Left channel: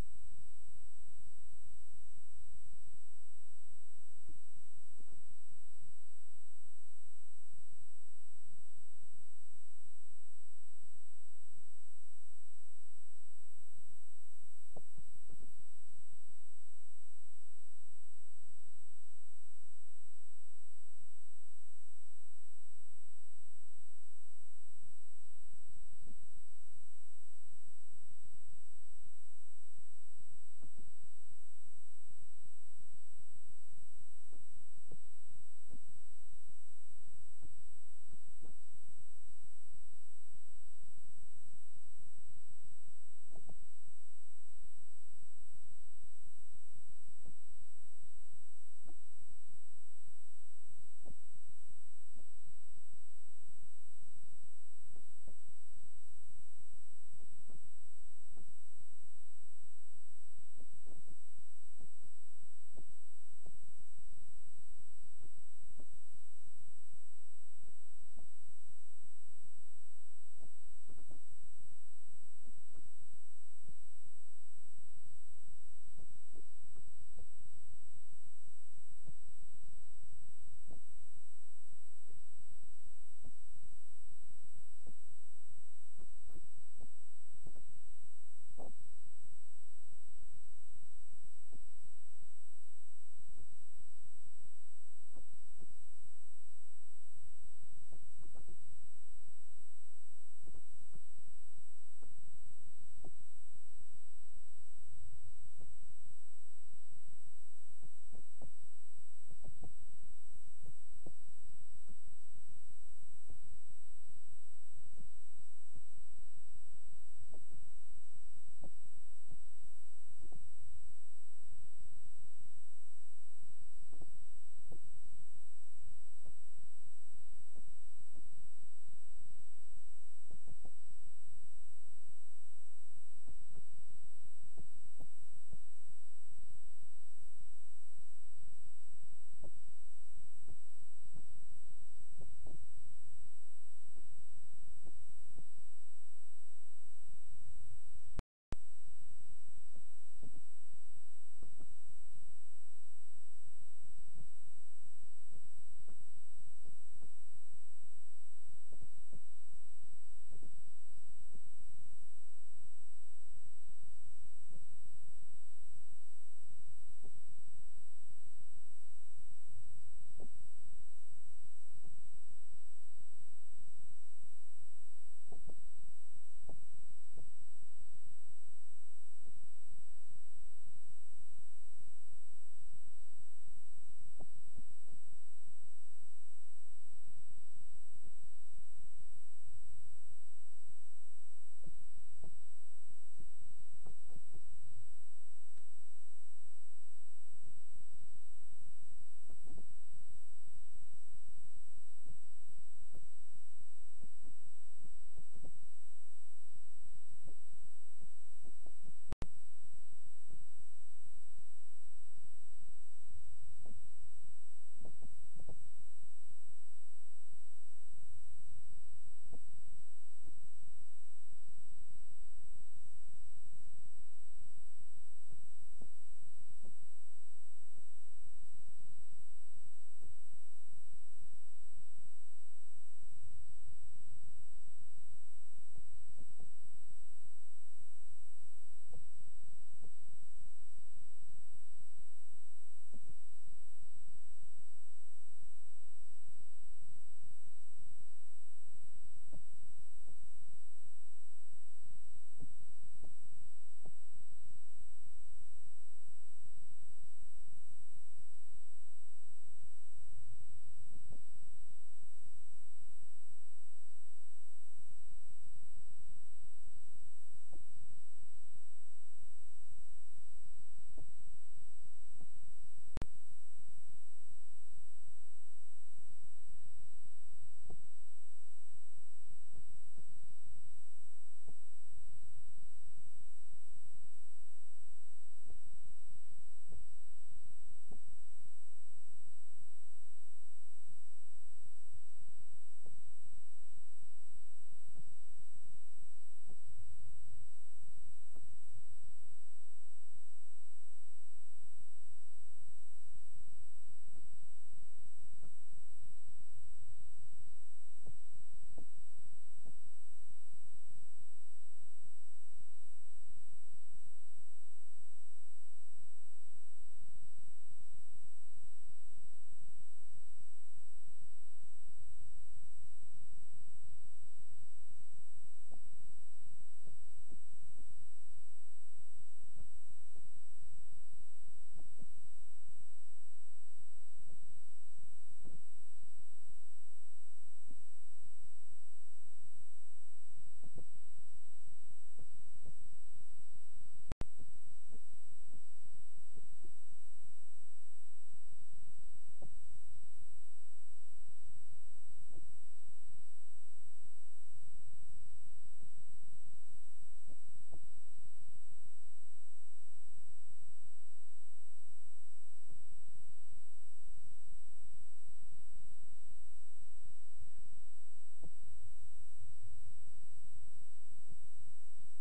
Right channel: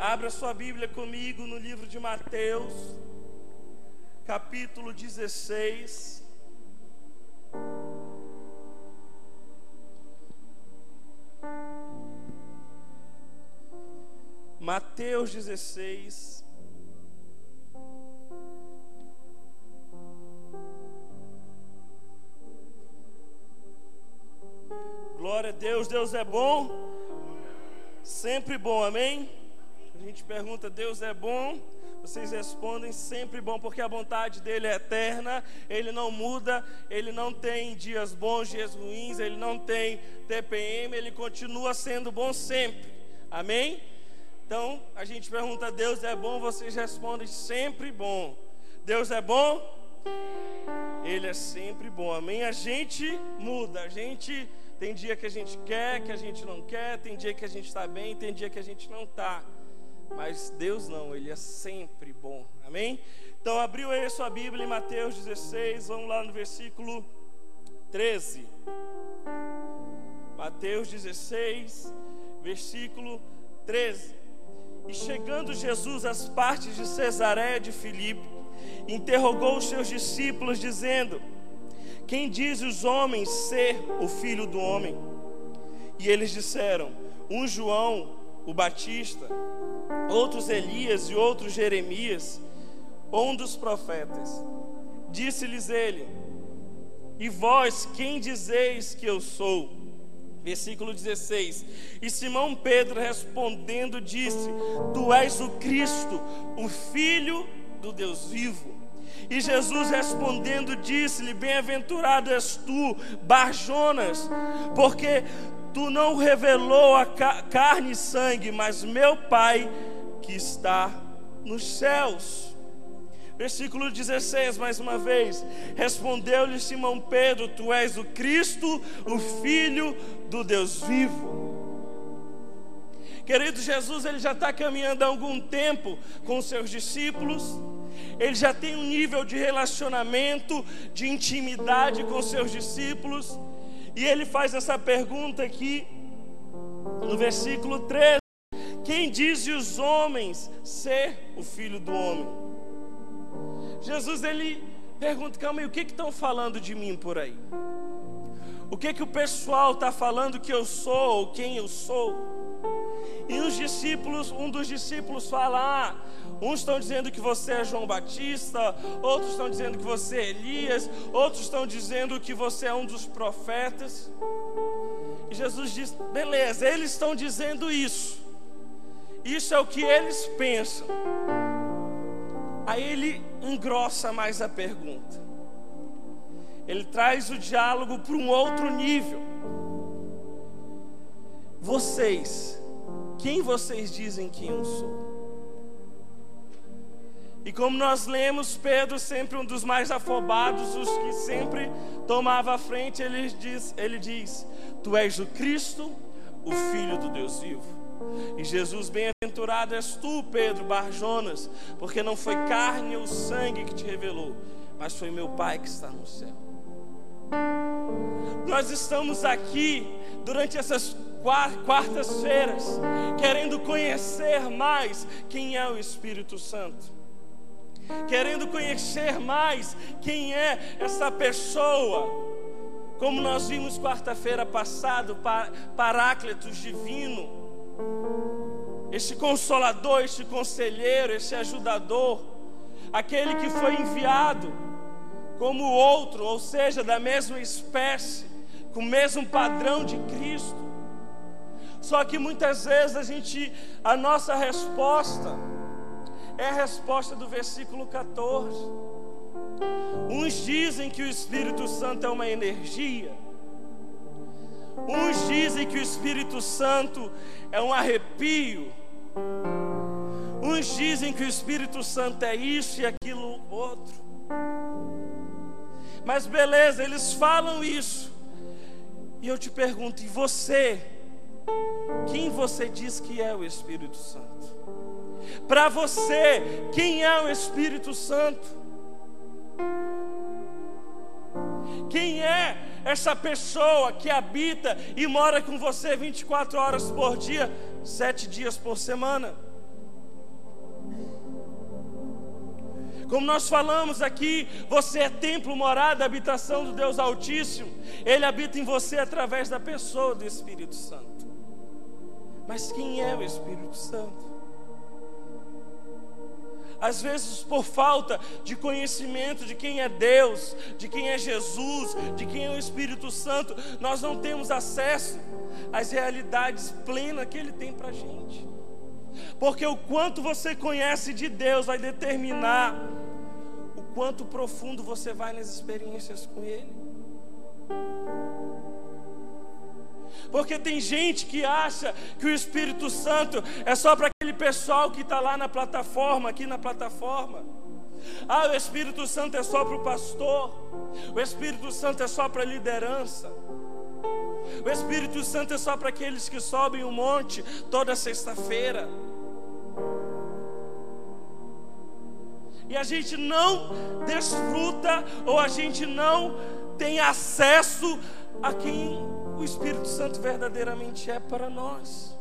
Abra sua Bíblia comigo no livro de Mateus, capítulo 16. Mateus 16. Glória a Deus, Deus é bom, sempre bom, amém? A gente pergunta, Deus é bom? Vocês respondem, sempre bom, porque a vontade dele é eterna, ele não muda, ele não tem dias bons, dias ruins, ele não tem TPM, ele continua sendo bom sempre, amém? Então, a gente pergunta, Deus é bom? Vocês respondem, sempre bom. Deus é bom? Ele é sempre bom, amém? A gente muda, a gente tem dia que a gente quer, que a gente não quer, tem dia que a gente está bem, tem dia que a gente não está. Mas Deus não, Ele é sempre bom, amém? Então abriu aí a sua Bíblia em Mateus 16, vamos lá no versículo 13. Mateus 16, versículo 13. E chegando Jesus às partes de Cesareia de Filipe, interrogou os seus discípulos, dizendo: quem diz os homens ser o Filho do Homem? E eles disseram: um João, o Batista, outros Elias e outros Jeremias, ou um dos profetas. Disse-lhes ele: e vós, quem dizeis que eu sou? Versículo 16. E Simão Pedro respondendo disse: tu és o Cristo, o Filho do Deus vivo. E Jesus respondendo disse-lhe: bem-aventurado és tu, Bar-Jonas, porque tu não revelou a carne e sangue, mas meu Pai que está nos céus. Versículo 16, mais uma vez. Respondeu-lhe Simão Pedro: tu és o Cristo, o Filho do Deus vivo. Querido, Jesus, ele já está caminhando há algum tempo com os seus discípulos. Ele já tem um nível de relacionamento, de intimidade com os seus discípulos. E ele faz essa pergunta aqui, no versículo 13: quem diz os homens ser o Filho do Homem? Jesus, ele pergunta: calma aí, o que estão falando de mim por aí? O que o pessoal está falando que eu sou, ou quem eu sou? E os discípulos, um dos discípulos fala: uns estão dizendo que você é João Batista, outros estão dizendo que você é Elias, outros estão dizendo que você é um dos profetas. E Jesus diz: beleza, eles estão dizendo isso. Isso é o que eles pensam. Aí ele engrossa mais a pergunta. Ele traz o diálogo para um outro nível. Vocês, quem vocês dizem que eu sou? E como nós lemos, Pedro, sempre um dos mais afobados, os que sempre tomava a frente, ele diz: tu és o Cristo, o Filho do Deus vivo. E Jesus: bem-aventurado és tu, Pedro, Bar-Jonas, porque não foi carne ou sangue que te revelou, mas foi meu Pai que está no céu. Nós estamos aqui durante essas quartas-feiras querendo conhecer mais quem é o Espírito Santo, querendo conhecer mais quem é essa pessoa. Como nós vimos quarta-feira passada, Paráclitos divino, este consolador, este conselheiro, este ajudador, aquele que foi enviado como outro, ou seja, da mesma espécie, com o mesmo padrão de Cristo. Só que muitas vezes a nossa resposta é a resposta do versículo 14. Uns dizem que o Espírito Santo é uma energia. Uns dizem que o Espírito Santo é um arrepio. Uns dizem que o Espírito Santo é isso e aquilo outro. Mas beleza, eles falam isso. E eu te pergunto: e você? Quem você diz que é o Espírito Santo? Para você, quem é o Espírito Santo? Quem é essa pessoa que habita e mora com você 24 horas por dia, 7 dias por semana? Como nós falamos aqui, você é templo, morada, habitação do Deus Altíssimo. Ele habita em você através da pessoa do Espírito Santo. Mas quem é o Espírito Santo? Às vezes, por falta de conhecimento de quem é Deus, de quem é Jesus, de quem é o Espírito Santo, nós não temos acesso às realidades plenas que Ele tem para a gente. Porque o quanto você conhece de Deus vai determinar o quanto profundo você vai nas experiências com Ele. Porque tem gente que acha que o Espírito Santo é só para aquele pessoal que está lá na plataforma, aqui na plataforma. Ah, o Espírito Santo é só para o pastor. O Espírito Santo é só para a liderança. O Espírito Santo é só para aqueles que sobem o monte toda sexta-feira. E a gente não desfruta, ou a gente não tem acesso a quem o Espírito Santo verdadeiramente é para nós.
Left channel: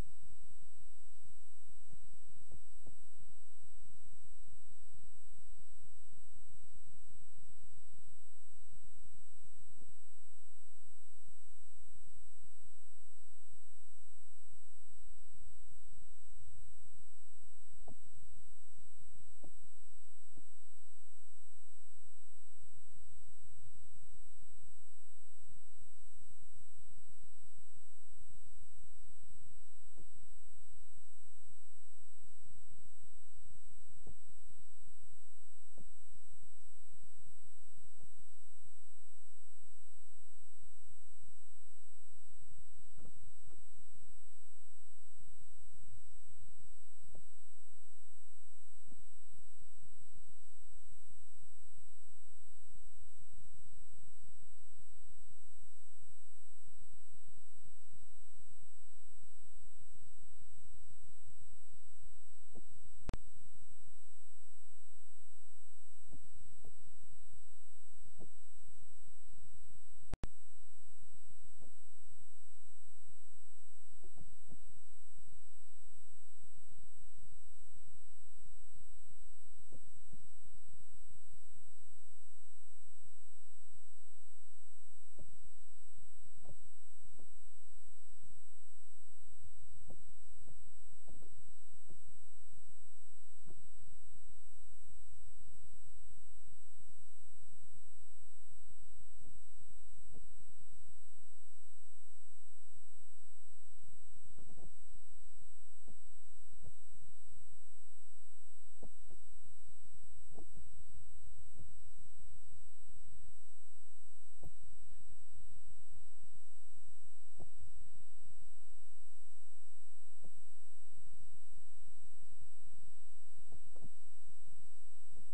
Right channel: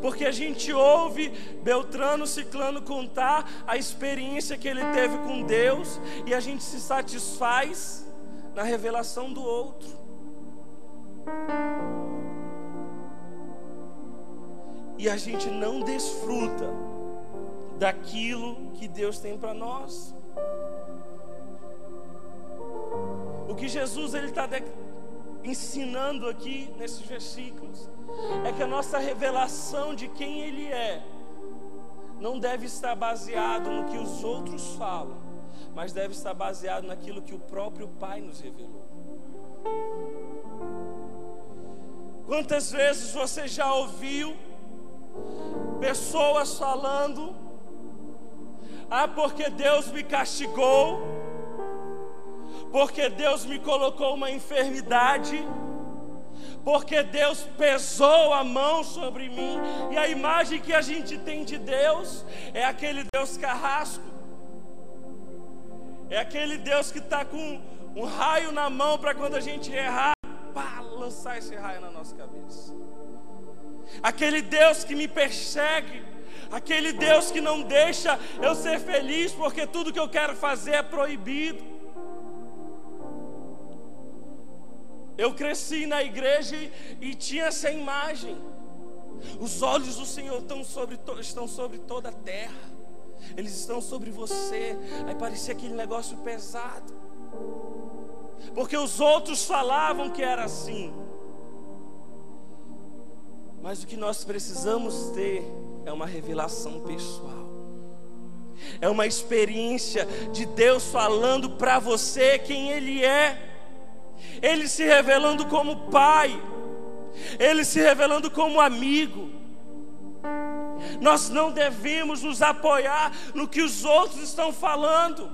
Porque a gente ouve Beltrano, Ciclano contar a experiência que ele teve com Deus, e a gente se satisfaz na revelação do outro. E a gente não desfruta daquilo que Deus tem para nós. O que Jesus está ensinando aqui nesses versículos é que a nossa revelação de quem Ele é não deve estar baseado no que os outros falam, mas deve estar baseado naquilo que o próprio Pai nos revelou. Quantas vezes você já ouviu pessoas falando: ah, porque Deus me castigou, porque Deus me colocou uma enfermidade, porque Deus pesou a mão sobre mim. E a imagem que a gente tem de Deus é aquele Deus carrasco, é aquele Deus que está com um raio na mão para quando a gente errar, pá, lançar esse raio na nossa cabeça. Aquele Deus que me persegue, aquele Deus que não deixa eu ser feliz, porque tudo que eu quero fazer é proibido. Eu cresci na igreja e tinha essa imagem. Os olhos do Senhor estão sobre toda a terra. Eles estão sobre você. Aí parecia aquele negócio pesado, porque os outros falavam que era assim. Mas o que nós precisamos ter é uma revelação pessoal. É uma experiência de Deus falando para você quem Ele é. Ele se revelando como Pai, Ele se revelando como amigo. Nós não devemos nos apoiar no que os outros estão falando.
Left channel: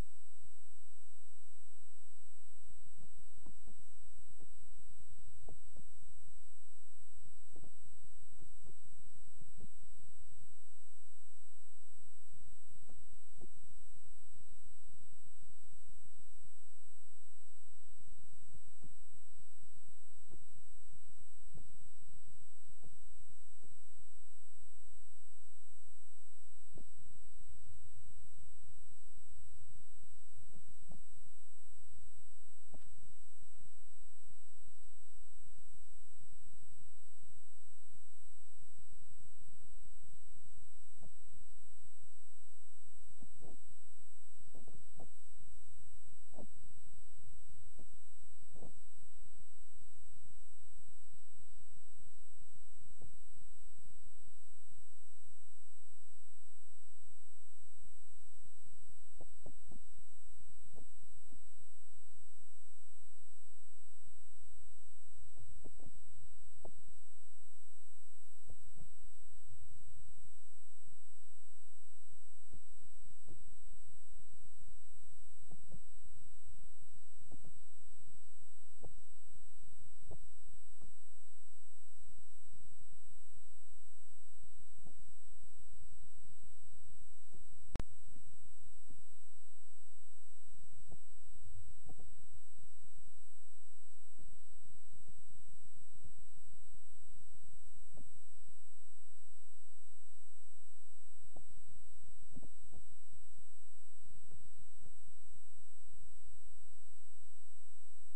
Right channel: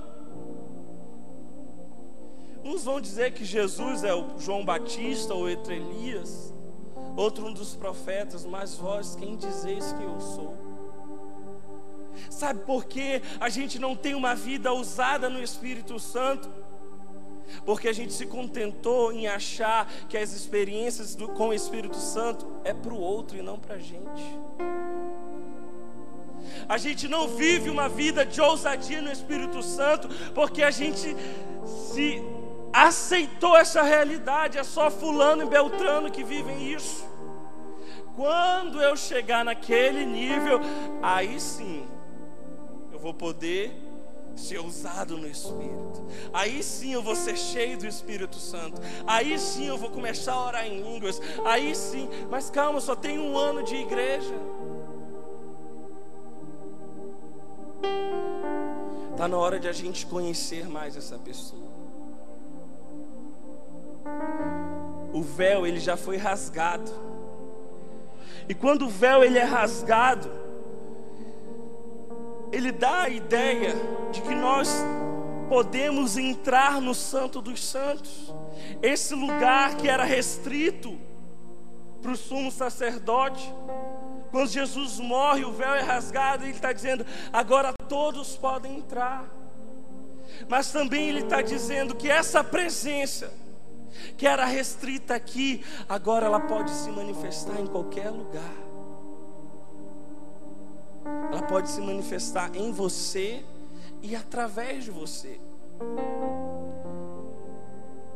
Uns vão dizer que Jesus é o João Batista ou entre Elias, outro um dos profetas, mas vós quem dizeis que eu sou? Sabe por que a gente não tem uma vida ousada no Espírito Santo? Porque a gente se contentou em achar que as experiências com o Espírito Santo é para o outro e não para a gente. A gente não vive uma vida de ousadia no Espírito Santo porque a gente se aceitou essa realidade. É só fulano e beltrano que vivem isso. Quando eu chegar naquele nível, aí sim eu vou poder ser ousado no Espírito. Aí sim eu vou ser cheio do Espírito Santo. Aí sim eu vou começar a orar em línguas. Aí sim, mas calma, só tenho 1 ano de igreja. Está na hora de a gente conhecer mais essa pessoa. O véu, ele já foi rasgado. E quando o véu ele é rasgado, ele dá a ideia de que nós podemos entrar no Santo dos Santos. Esse lugar que era restrito para o sumo sacerdote. Quando Jesus morre, o véu é rasgado e Ele está dizendo, agora todos podem entrar. Mas também Ele está dizendo que essa presença, que era restrita aqui, agora ela pode se manifestar em qualquer lugar. ela pode se manifestar em você e através de você.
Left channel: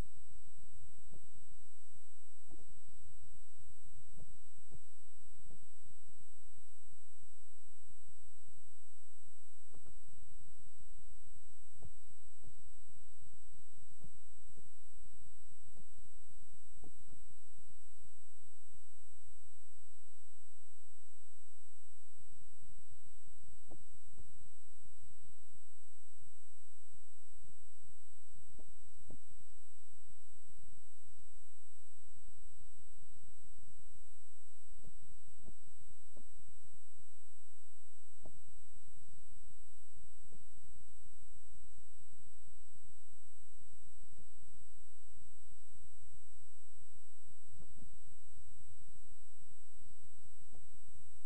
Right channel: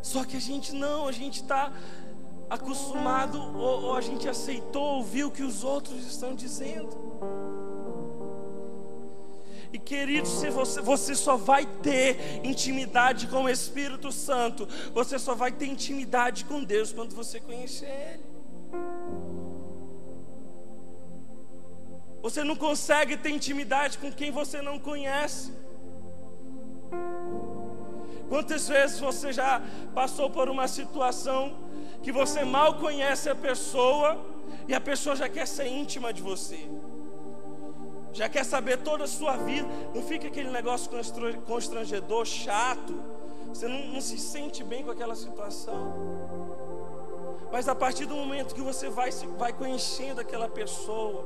Só que a gente está acostumado, ou a gente aceitou ouvir o que os outros estão dizendo. E queridos, se você só vai ter intimidade com o Espírito Santo, você só vai ter intimidade com Deus quando você conhecer Ele. Você não consegue ter intimidade com quem você não conhece. Quantas vezes você já passou por uma situação que você mal conhece a pessoa e a pessoa já quer ser íntima de você, já quer saber toda a sua vida? Não fica aquele negócio constrangedor, chato, você não se sente bem com aquela situação. Mas a partir do momento que você vai conhecendo aquela pessoa,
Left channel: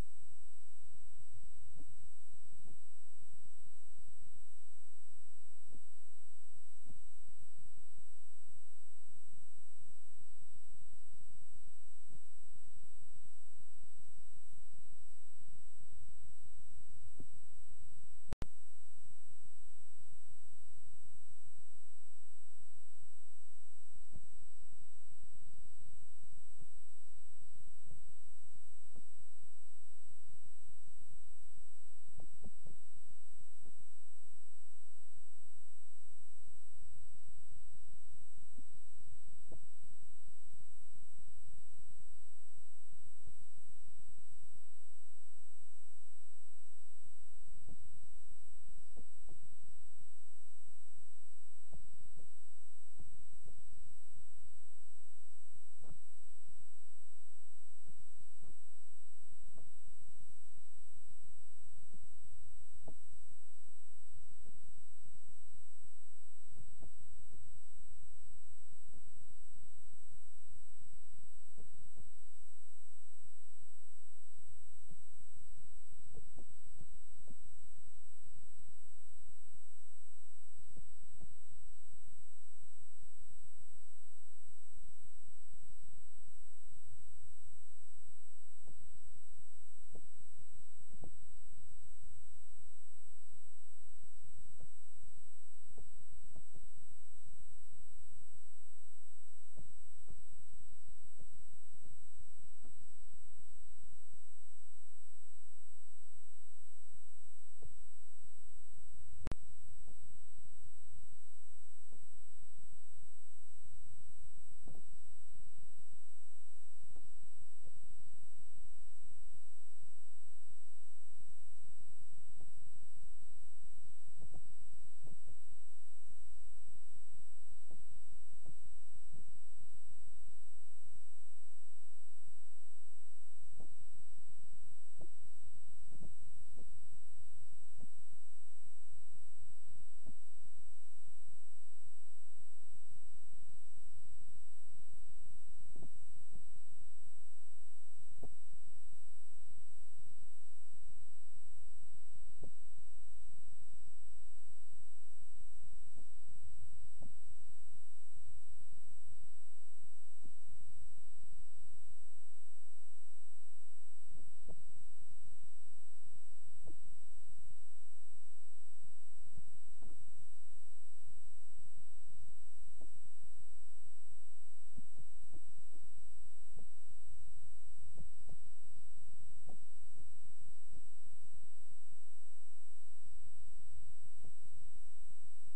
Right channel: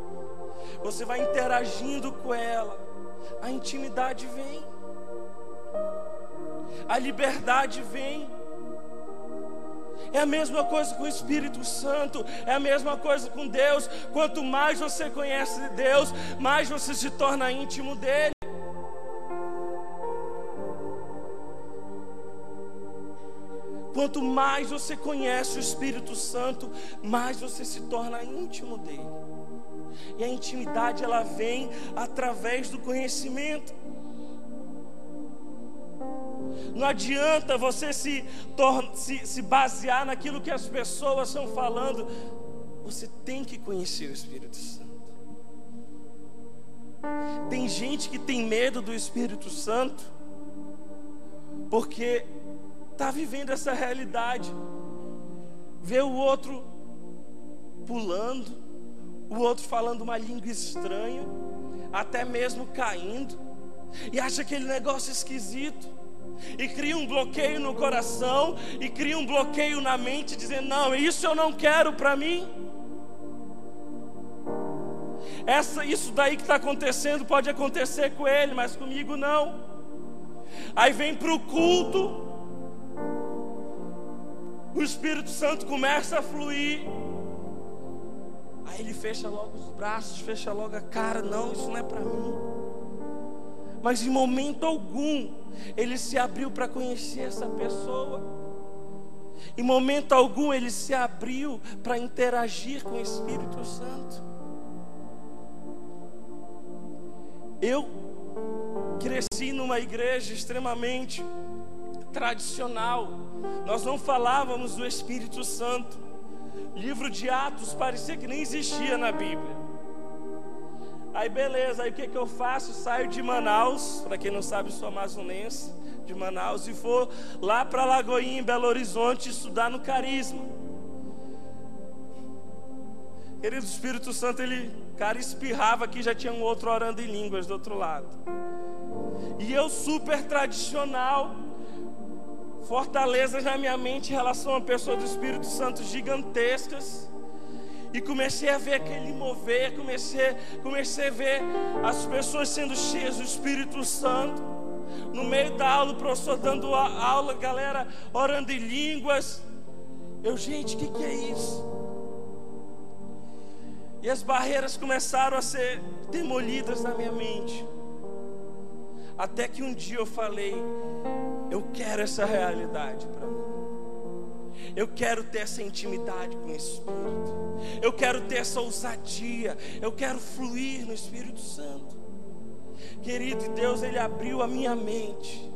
você vai interagindo com ela, a intimidade vem, a liberdade vem. É a mesma coisa com o Espírito Santo, é a mesma coisa com Deus. Quanto mais você conhece Deus, mais você se torna íntimo dele. Quanto mais você conhece o Espírito Santo, mais você se torna íntimo dele. E a intimidade, ela vem através do conhecimento. Não adianta você se basear naquilo que as pessoas estão falando. Você tem que conhecer o Espírito Santo. Tem gente que tem medo do Espírito Santo porque está vivendo essa realidade. Vê o outro pulando, o outro falando uma língua estranha, até mesmo caindo, e acha aquele negócio esquisito. E cria um bloqueio no coração, e cria um bloqueio na mente, dizendo: não, isso eu não quero para mim. Isso daí que está acontecendo pode acontecer com ele, mas comigo não. Aí vem para o culto, o Espírito Santo começa a fluir, aí ele fecha logo os braços, fecha logo a cara: não, isso não é para mim. Mas em momento algum ele se abriu para conhecer essa pessoa. Em momento algum ele se abriu para interagir com o Espírito Santo. Eu cresci numa igreja extremamente tradicional. Nós não falávamos do Espírito Santo. Livro de Atos parecia que nem existia na Bíblia. Aí beleza, aí o que eu faço? Saio de Manaus, para quem não sabe, sou amazonense, de Manaus, e vou lá para Lagoinha, em Belo Horizonte, estudar no Carisma. Querido, o Espírito Santo, cara, espirrava aqui, já tinha um outro orando em línguas do outro lado. E eu super tradicional, fortalezas na minha mente em relação a uma pessoa do Espírito Santo gigantescas. E comecei a ver aquele mover, comecei a ver as pessoas sendo cheias do Espírito Santo. No meio da aula, o professor dando aula, galera orando em línguas. Gente, o que é isso? E as barreiras começaram a ser demolidas na minha mente. Até que um dia eu falei: eu quero essa realidade para mim. Eu quero ter essa intimidade com o Espírito. Eu quero ter essa ousadia. Eu quero fluir no Espírito Santo. Querido, Deus, Ele abriu a minha mente.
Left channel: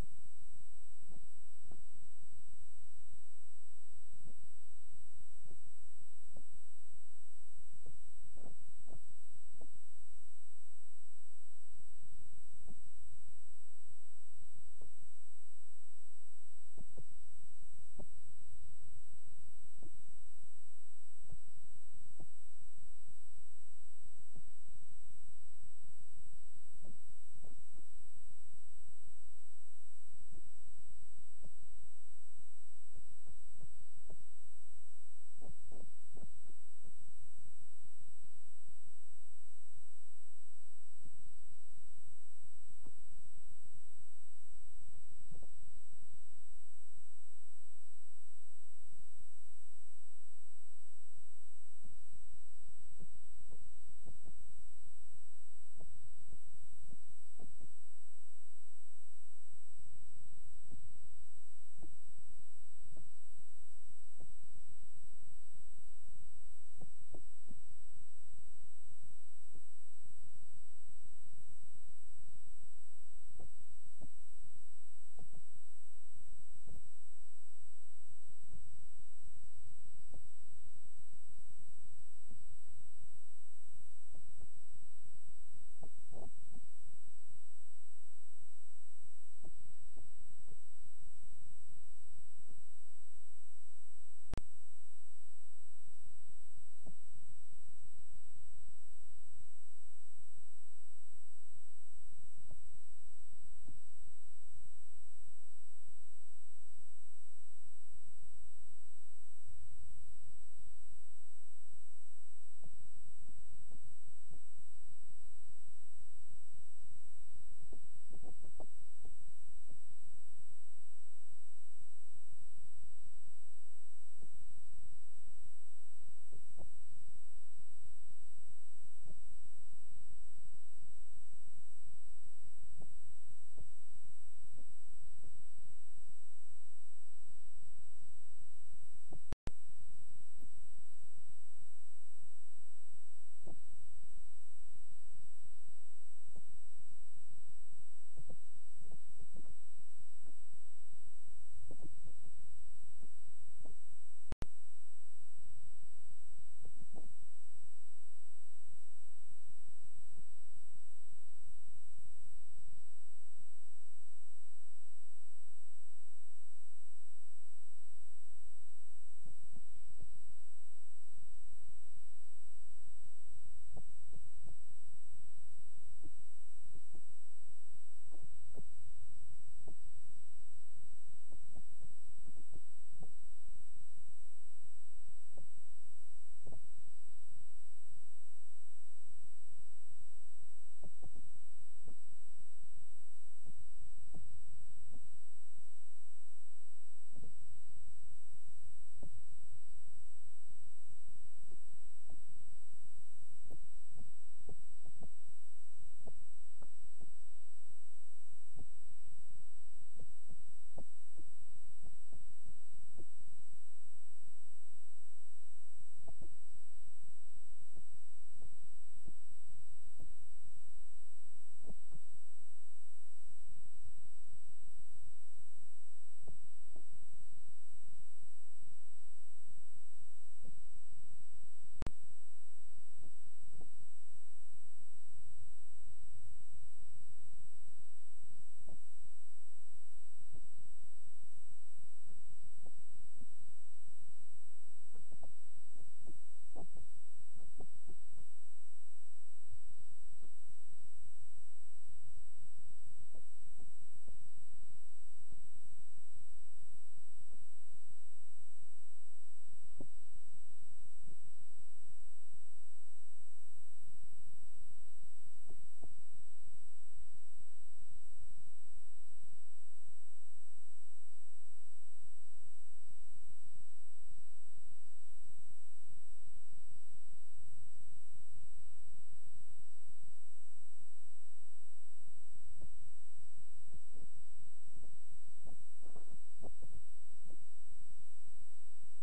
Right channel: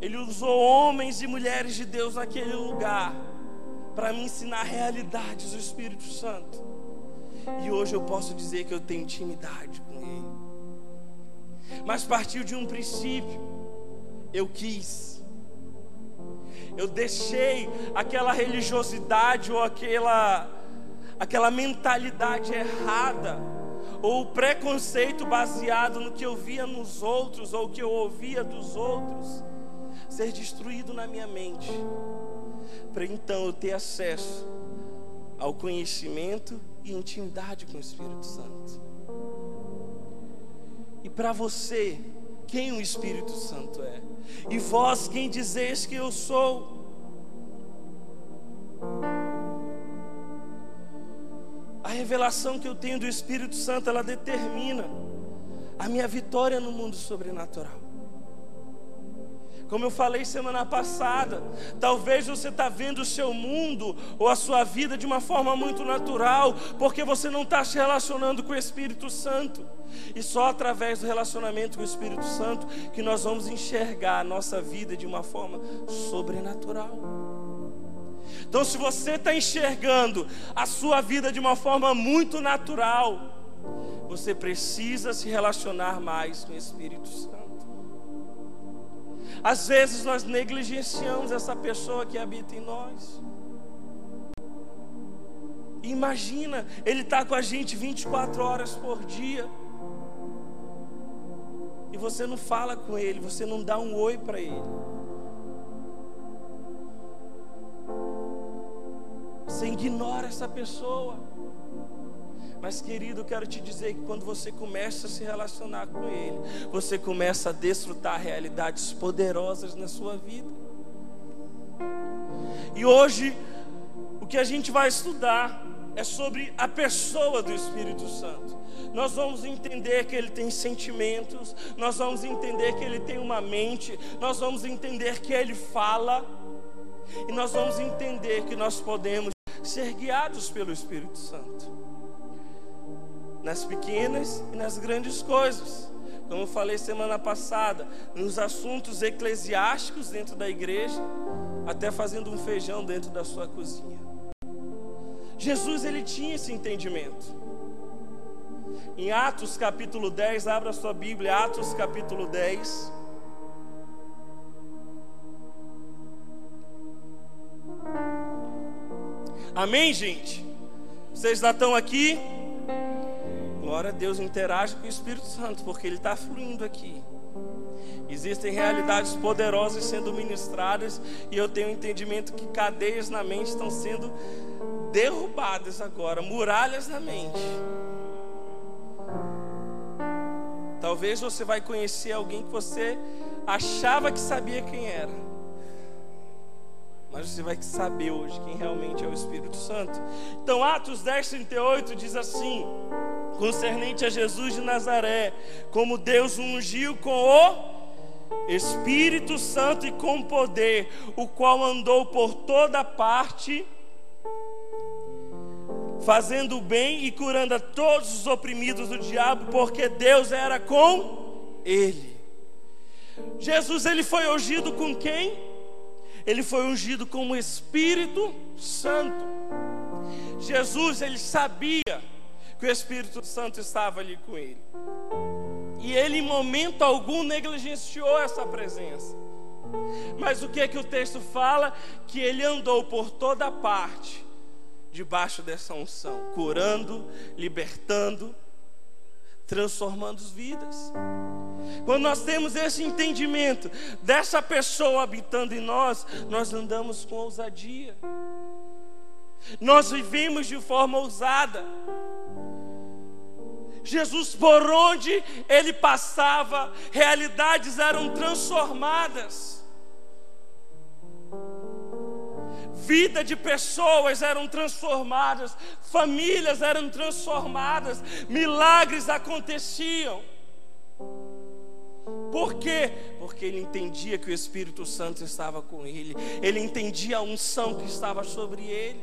Ele usou homens e mulheres de Deus naquele lugar para me ensinar realidades do Espírito Santo. E hoje eu posso dizer que eu tenho intimidade com Ele. Mas partiu de um princípio. Eu deixei aquela religiosidade ou aquela mentalidade errada, ou o preconceito baseado no que eu via nos outros, ou o que eu ouvia dos outros, ser destruído na minha mente, para então eu ter acesso ao conhecimento e intimidade com o Espírito Santo. E para você, quem o Espírito Santo é? E vós, quem dizeis que eu sou? A revelação que eu tenho do Espírito Santo, ela determina a minha vitória no mundo sobrenatural. Como eu falei semana passada, talvez você está vendo o seu mundo ou a sua vida de uma forma muito natural, porque você não está se relacionando com o Espírito Santo. E só através do relacionamento com o Espírito Santo que nós vamos enxergar a nossa vida de uma forma sobrenatural. Então, se você está enxergando a sua vida de uma forma muito natural, você precisa se relacionar mais com o Espírito Santo. Às vezes nós negligenciamos essa pessoa que habita em nós. Imagina, Ele está com a gente 24 horas por dia. E você não fala com Ele, você não dá um oi para Ele. Você ignora essa pessoa. Mas, querido, eu quero te dizer que quando você começa a se relacionar com Ele, você começa a desfrutar realidades poderosas na sua vida. E hoje, o que a gente vai estudar é sobre a pessoa do Espírito Santo. Nós vamos entender que Ele tem sentimentos, nós vamos entender que Ele tem uma mente, nós vamos entender que Ele fala, e nós vamos entender que nós podemos ser guiados pelo Espírito Santo, nas pequenas e nas grandes coisas. Como eu falei semana passada, nos assuntos eclesiásticos dentro da igreja, até fazendo um feijão dentro da sua cozinha. Jesus, Ele tinha esse entendimento. Em Atos capítulo 10, abra sua Bíblia, Atos capítulo 10. Amém, gente? Vocês já estão aqui? Glória a Deus, interage com o Espírito Santo, porque Ele está fluindo aqui. Existem realidades poderosas sendo ministradas, e eu tenho entendimento que cadeias na mente estão sendo derrubadas agora, muralhas na mente. Talvez você vai conhecer alguém que você achava que sabia quem era, mas você vai saber hoje quem realmente é o Espírito Santo. Então, Atos 10:38 diz assim: concernente a Jesus de Nazaré, como Deus o ungiu com o Espírito Santo e com poder, o qual andou por toda parte, fazendo o bem e curando a todos os oprimidos do diabo, porque Deus era com ele. Jesus, Ele foi ungido com quem? Ele foi ungido com o Espírito Santo. Jesus, Ele sabia que o Espírito Santo estava ali com Ele, e Ele em momento algum negligenciou essa presença. Mas o que é que o texto fala? Que Ele andou por toda parte debaixo dessa unção, curando, libertando, transformando vidas. Quando nós temos esse entendimento dessa pessoa habitando em nós, nós andamos com ousadia, nós vivemos de forma ousada. Jesus, por onde Ele passava, realidades eram transformadas. Vida de pessoas eram transformadas, famílias eram transformadas, milagres aconteciam. Por quê? Porque ele entendia que o Espírito Santo estava com ele, ele entendia a unção que estava sobre ele.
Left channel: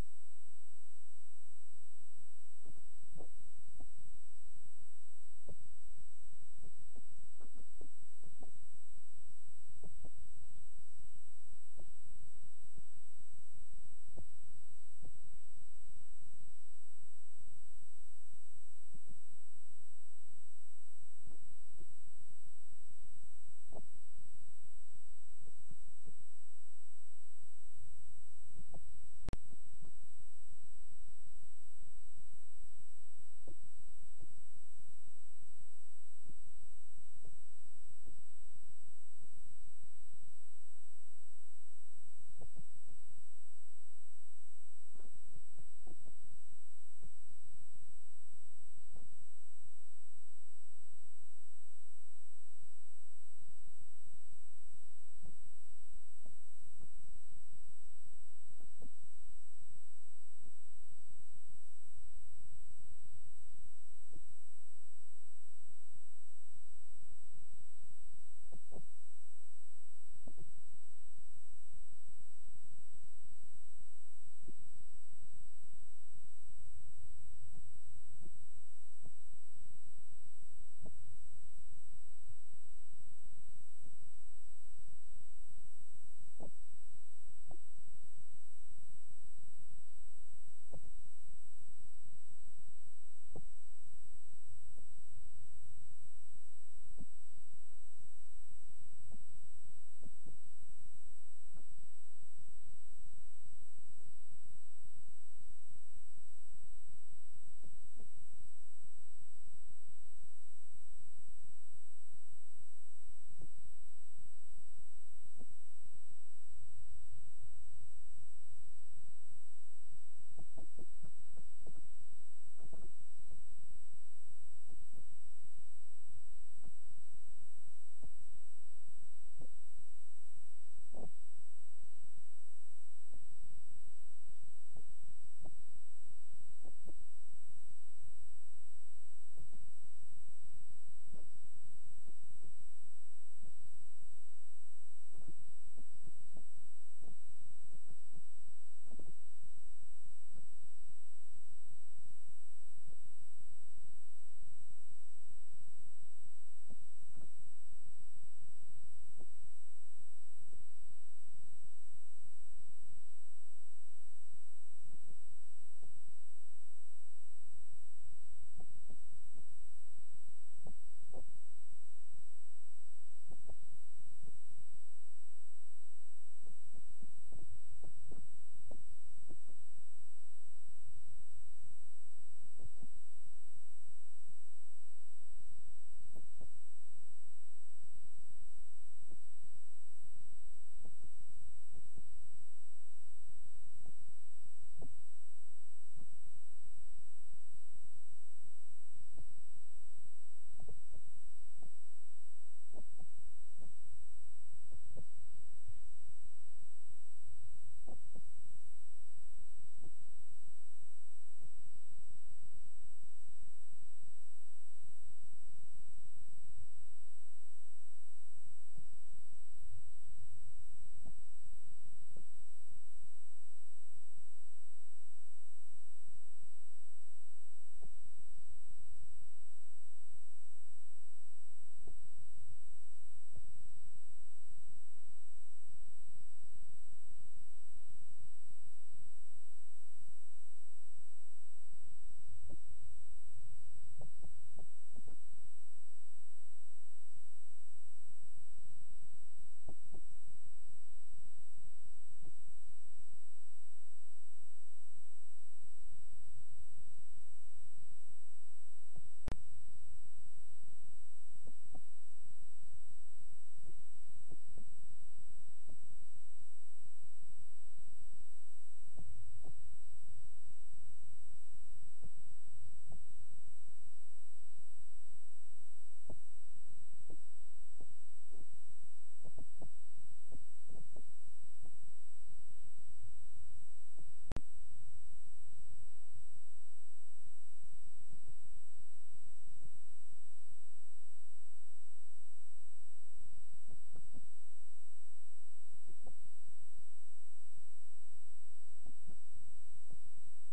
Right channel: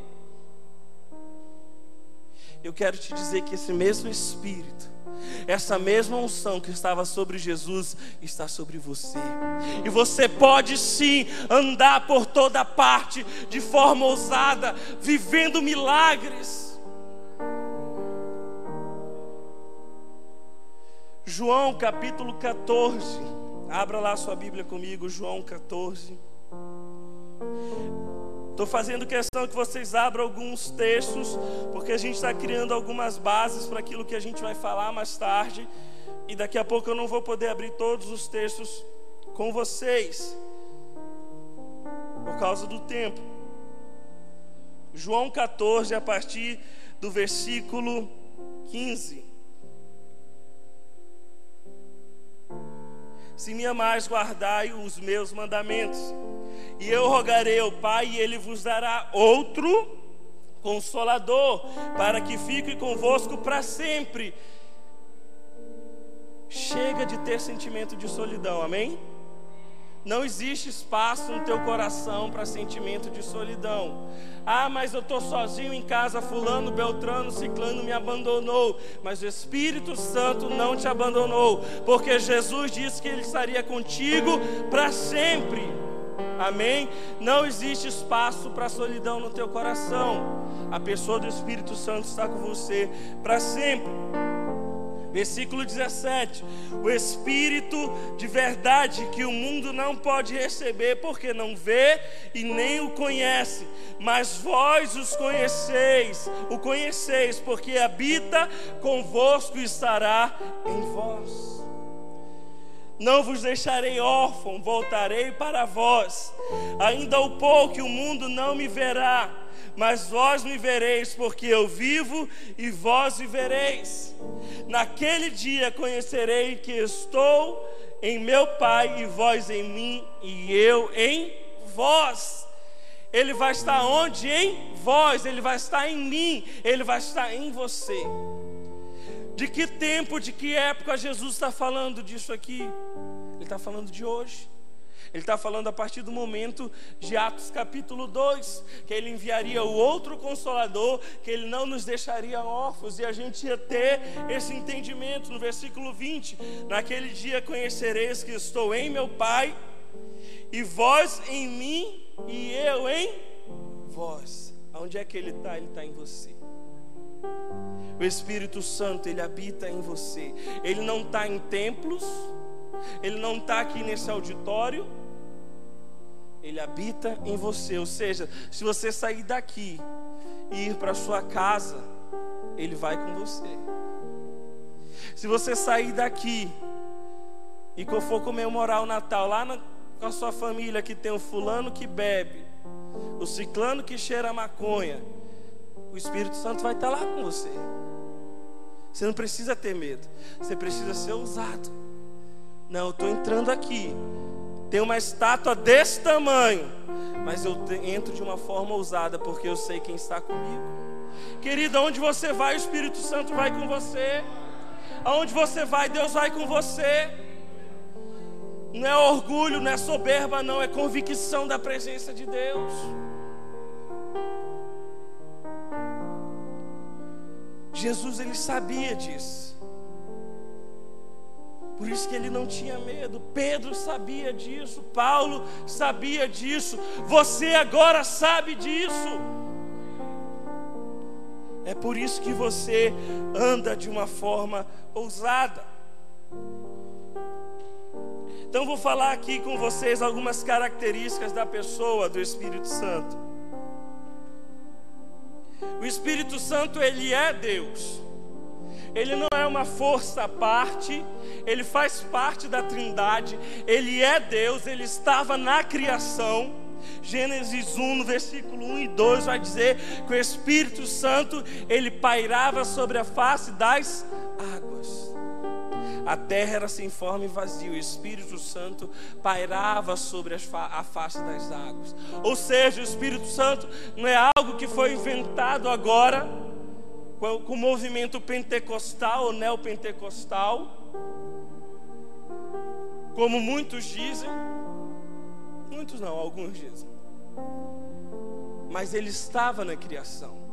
Eu quero te dizer que esse mesmo Espírito, essa mesma unção que estava sobre Jesus, está sobre você. E você pode sim andar por toda parte de forma ousada, vivendo milagres. João capítulo 14. Abra lá sua Bíblia comigo, João 14. Estou fazendo questão que vocês abram alguns textos, porque a gente está criando algumas bases para aquilo que a gente vai falar mais tarde. E daqui a pouco eu não vou poder abrir todos os textos com vocês, por causa do tempo. João 14, a partir do versículo 15. Se me amais, guardai os meus mandamentos. E eu rogarei ao Pai, e Ele vos dará outro Consolador, para que fique convosco para sempre. Chega de ter sentimento de solidão, amém? Não existe espaço no teu coração para sentimento de solidão. Ah, mas eu estou sozinho em casa, fulano, beltrano, ciclano me abandonou. Mas o Espírito Santo não te abandonou, porque Jesus disse que Ele estaria contigo para sempre. Amém? Não existe espaço para solidão no teu coração. A pessoa do Espírito Santo está com você para sempre. Versículo 17: o Espírito de verdade que o mundo não pode receber, porque não vê e nem o conhece, mas vós o conheceis, porque habita convosco e estará em vós. Não vos deixarei órfão, voltarei para vós. Ainda um pouco o mundo não me verá, mas vós me vereis, porque eu vivo e vós vivereis. Naquele dia conhecerei que estou em meu Pai, e vós em mim, e eu em vós. Ele vai estar onde? Em vós. Ele vai estar em mim. Ele vai estar em você. De que tempo, de que época Jesus está falando disso aqui? Ele está falando de hoje. Ele está falando a partir do momento de Atos capítulo 2, que Ele enviaria o outro Consolador, que Ele não nos deixaria órfãos, e a gente ia ter esse entendimento no versículo 20. Naquele dia conhecereis que estou em meu Pai, e vós em mim, e eu em vós. Aonde é que Ele está? Ele está em você. O Espírito Santo, Ele habita em você. Ele não está em templos, Ele não está aqui nesse auditório, Ele habita em você. Ou seja, se você sair daqui e ir para sua casa, Ele vai com você. Se você sair daqui e que eu for comemorar o Natal lá com a sua família, que tem o fulano que bebe, o ciclano que cheira maconha, o Espírito Santo vai estar lá com você. Você não precisa ter medo, você precisa ser ousado. Não, eu estou entrando aqui, tem uma estátua desse tamanho, mas eu entro de uma forma ousada, porque eu sei quem está comigo. Querida, aonde você vai, o Espírito Santo vai com você. Aonde você vai, Deus vai com você. Não é orgulho, não é soberba, não, é convicção da presença de Deus. Jesus, Ele sabia disso. Por isso que Ele não tinha medo. Pedro sabia disso, Paulo sabia disso, você agora sabe disso. É por isso que você anda de uma forma ousada. Então vou falar aqui com vocês algumas características da pessoa do Espírito Santo. O Espírito Santo, Ele é Deus. Ele não é uma força à parte, Ele faz parte da Trindade, Ele é Deus, Ele estava na criação. Gênesis 1, no versículo 1 e 2 vai dizer que o Espírito Santo, Ele pairava sobre a face das águas. A terra era sem forma e vazia, o Espírito Santo pairava sobre a face das águas. Ou seja, o Espírito Santo não é algo que foi inventado agora, com o movimento pentecostal ou neopentecostal, como muitos dizem. Muitos não, alguns dizem. Mas Ele estava na criação.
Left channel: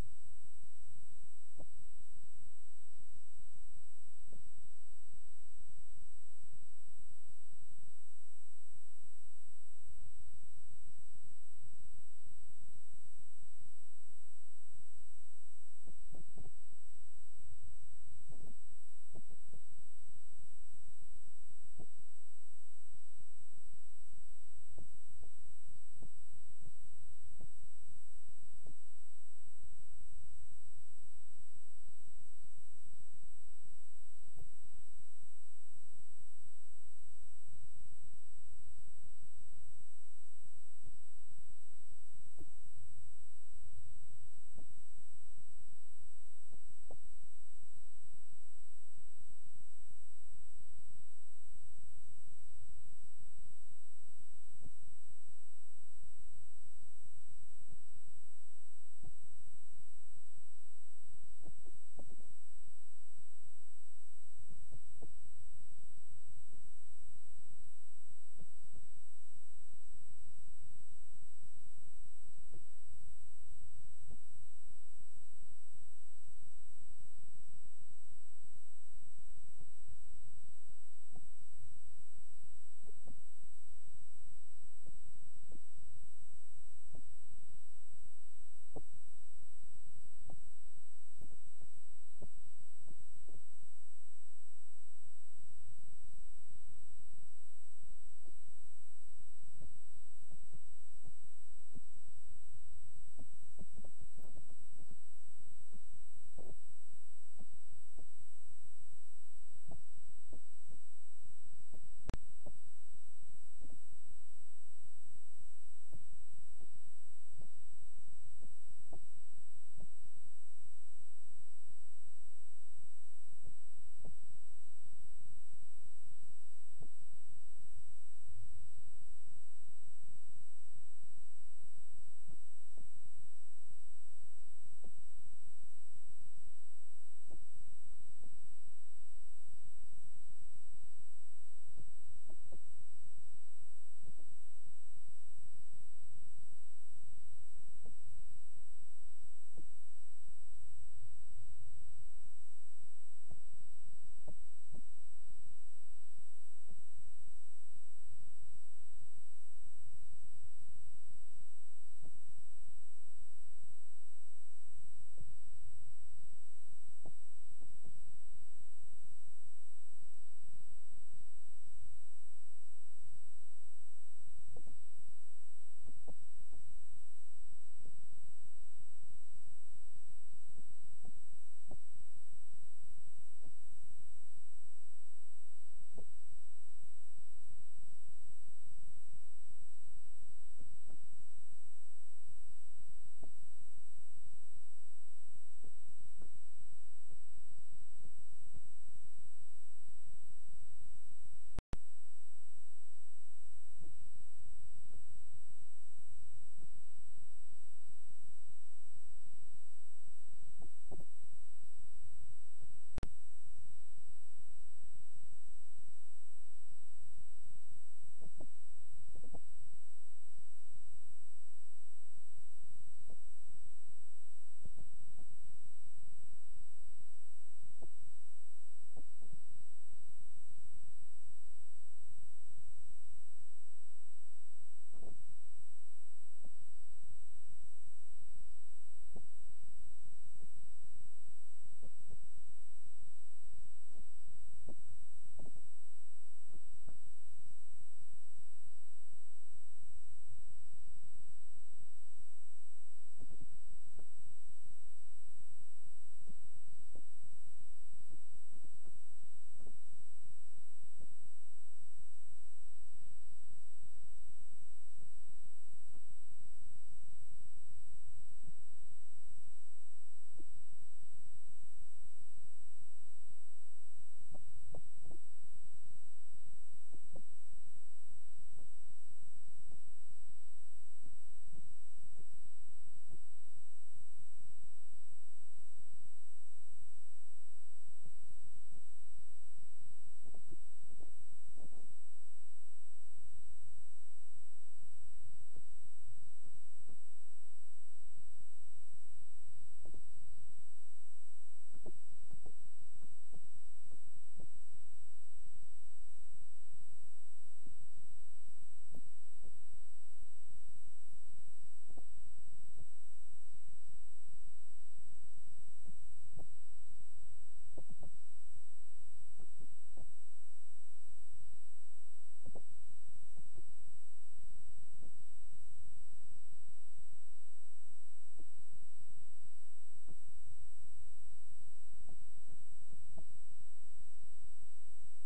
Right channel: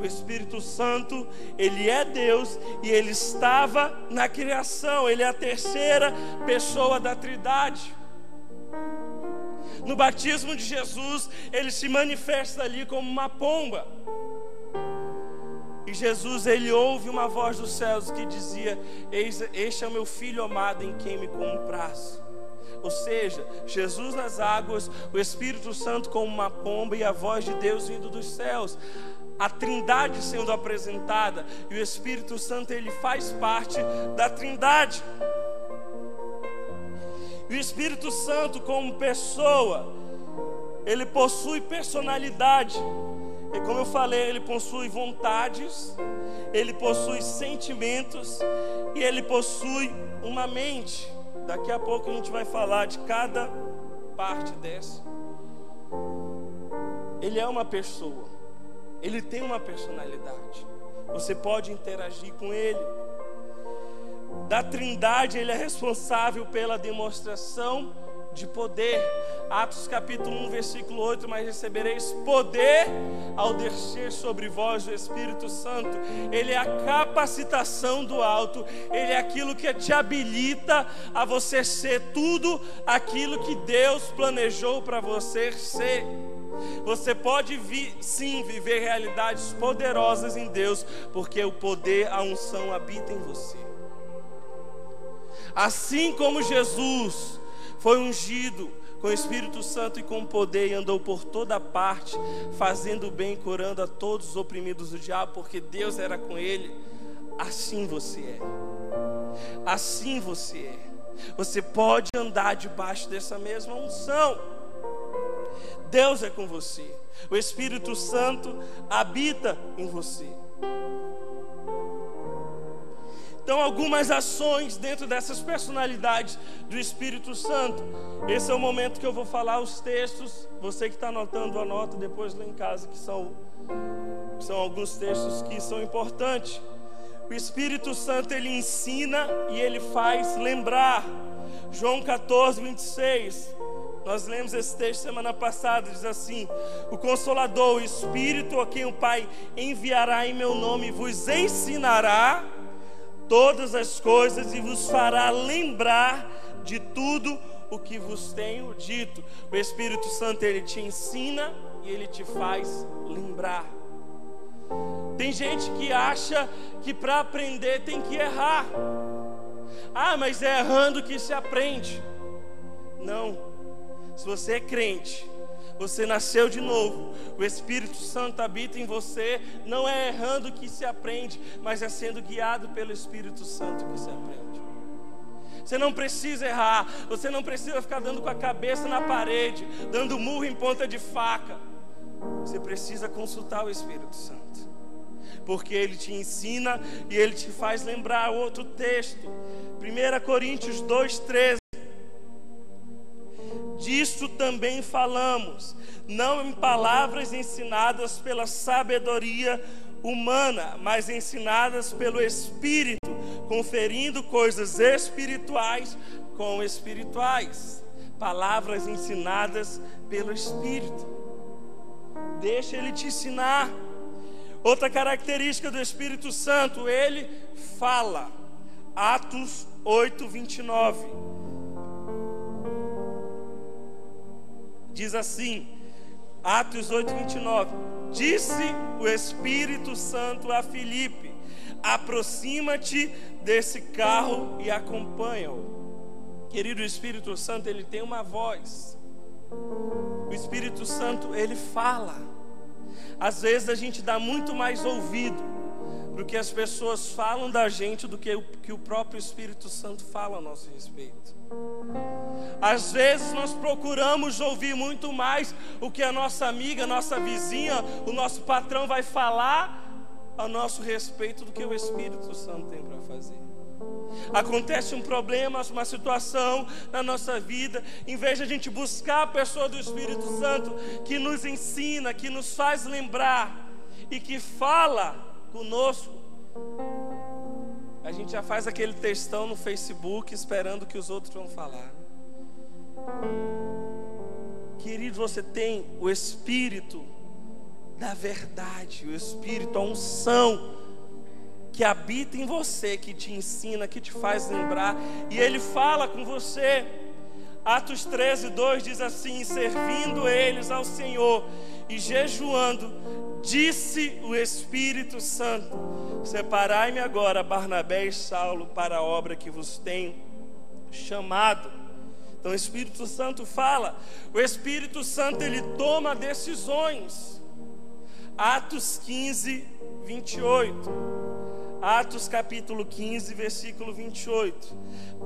O Espírito Santo, Ele é Deus e Ele estava na criação. Ele é a terceira pessoa da Trindade. No batismo de Jesus, Ele se manifesta ali como uma pomba. E Jesus, Ele ouve uma voz dos céus que dizia: este é o meu Filho amado em quem me comprazo. Ou seja, Jesus nas águas, o Espírito Santo como uma pomba e a voz de Deus vindo dos céus. A Trindade sendo apresentada, e o Espírito Santo, Ele faz parte da Trindade. E o Espírito Santo como pessoa, Ele possui personalidade. E como eu falei, Ele possui vontades, Ele possui sentimentos e Ele possui uma mente. Daqui a pouco a gente vai falar de cada parte dessa. Ele é uma pessoa. Ele tem uma personalidade. Você pode interagir com Ele. Da Trindade, Ele é responsável pela demonstração de poder. Atos capítulo 1, versículo 8: mas recebereis poder ao descer sobre vós o Espírito Santo. Ele é a capacitação do alto. Ele é aquilo que te habilita a você ser tudo aquilo que Deus planejou para você ser. Você pode sim viver realidades poderosas em Deus, porque o poder, a unção habita em você. Assim como Jesus foi ungido com o Espírito Santo e com poder, e andou por toda parte, fazendo o bem, curando a todos os oprimidos do diabo, porque Deus era com ele. Assim você é. Assim você é. Você pode andar debaixo dessa mesma unção. Deus é com você. O Espírito Santo habita em você. Então, algumas ações dentro dessas personalidades do Espírito Santo. Esse é o momento que eu vou falar os textos. Você que está anotando, anota depois lá em casa, que são alguns textos que são importantes. O Espírito Santo, ele ensina e ele faz lembrar. João 14, 26. Nós lemos esse texto semana passada, diz assim: o Consolador, o Espírito, a quem o Pai enviará em meu nome, vos ensinará todas as coisas e vos fará lembrar de tudo o que vos tenho dito. O Espírito Santo, ele te ensina e ele te faz lembrar. Tem gente que acha que para aprender tem que errar. Ah, mas é errando que se aprende. Não. Se você é crente, você nasceu de novo, o Espírito Santo habita em você, não é errando que se aprende, mas é sendo guiado pelo Espírito Santo que se aprende. Você não precisa errar, você não precisa ficar dando com a cabeça na parede, dando murro em ponta de faca. Você precisa consultar o Espírito Santo, porque ele te ensina e ele te faz lembrar. Outro texto, 1 Coríntios 2:13. Disto também falamos, não em palavras ensinadas pela sabedoria humana, mas ensinadas pelo Espírito, conferindo coisas espirituais com espirituais. Palavras ensinadas pelo Espírito. Deixa ele te ensinar. Outra característica do Espírito Santo, ele fala. Atos 8, 29. Diz assim, Atos 8, 29. Disse o Espírito Santo a Filipe: aproxima-te desse carro e acompanha-o. Querido, o Espírito Santo, ele tem uma voz. O Espírito Santo, ele fala. Às vezes a gente dá muito mais ouvido do que as pessoas falam da gente, do que o próprio Espírito Santo fala a nosso respeito. Às vezes nós procuramos ouvir muito mais o que a nossa amiga, a nossa vizinha, o nosso patrão vai falar a nosso respeito do que o Espírito Santo tem para fazer. Acontece um problema, uma situação na nossa vida, em vez de a gente buscar a pessoa do Espírito Santo que nos ensina, que nos faz lembrar e que fala conosco, a gente já faz aquele textão no Facebook esperando que os outros vão falar. Querido, você tem o Espírito da verdade, o Espírito, a unção que habita em você, que te ensina, que te faz lembrar, e ele fala com você. Atos 13, 2 diz assim: servindo eles ao Senhor e jejuando, disse o Espírito Santo: separai-me agora Barnabé e Saulo para a obra que vos tenho chamado. Então o Espírito Santo fala. O Espírito Santo, ele toma decisões. Atos 15, 28. Atos capítulo 15, versículo 28.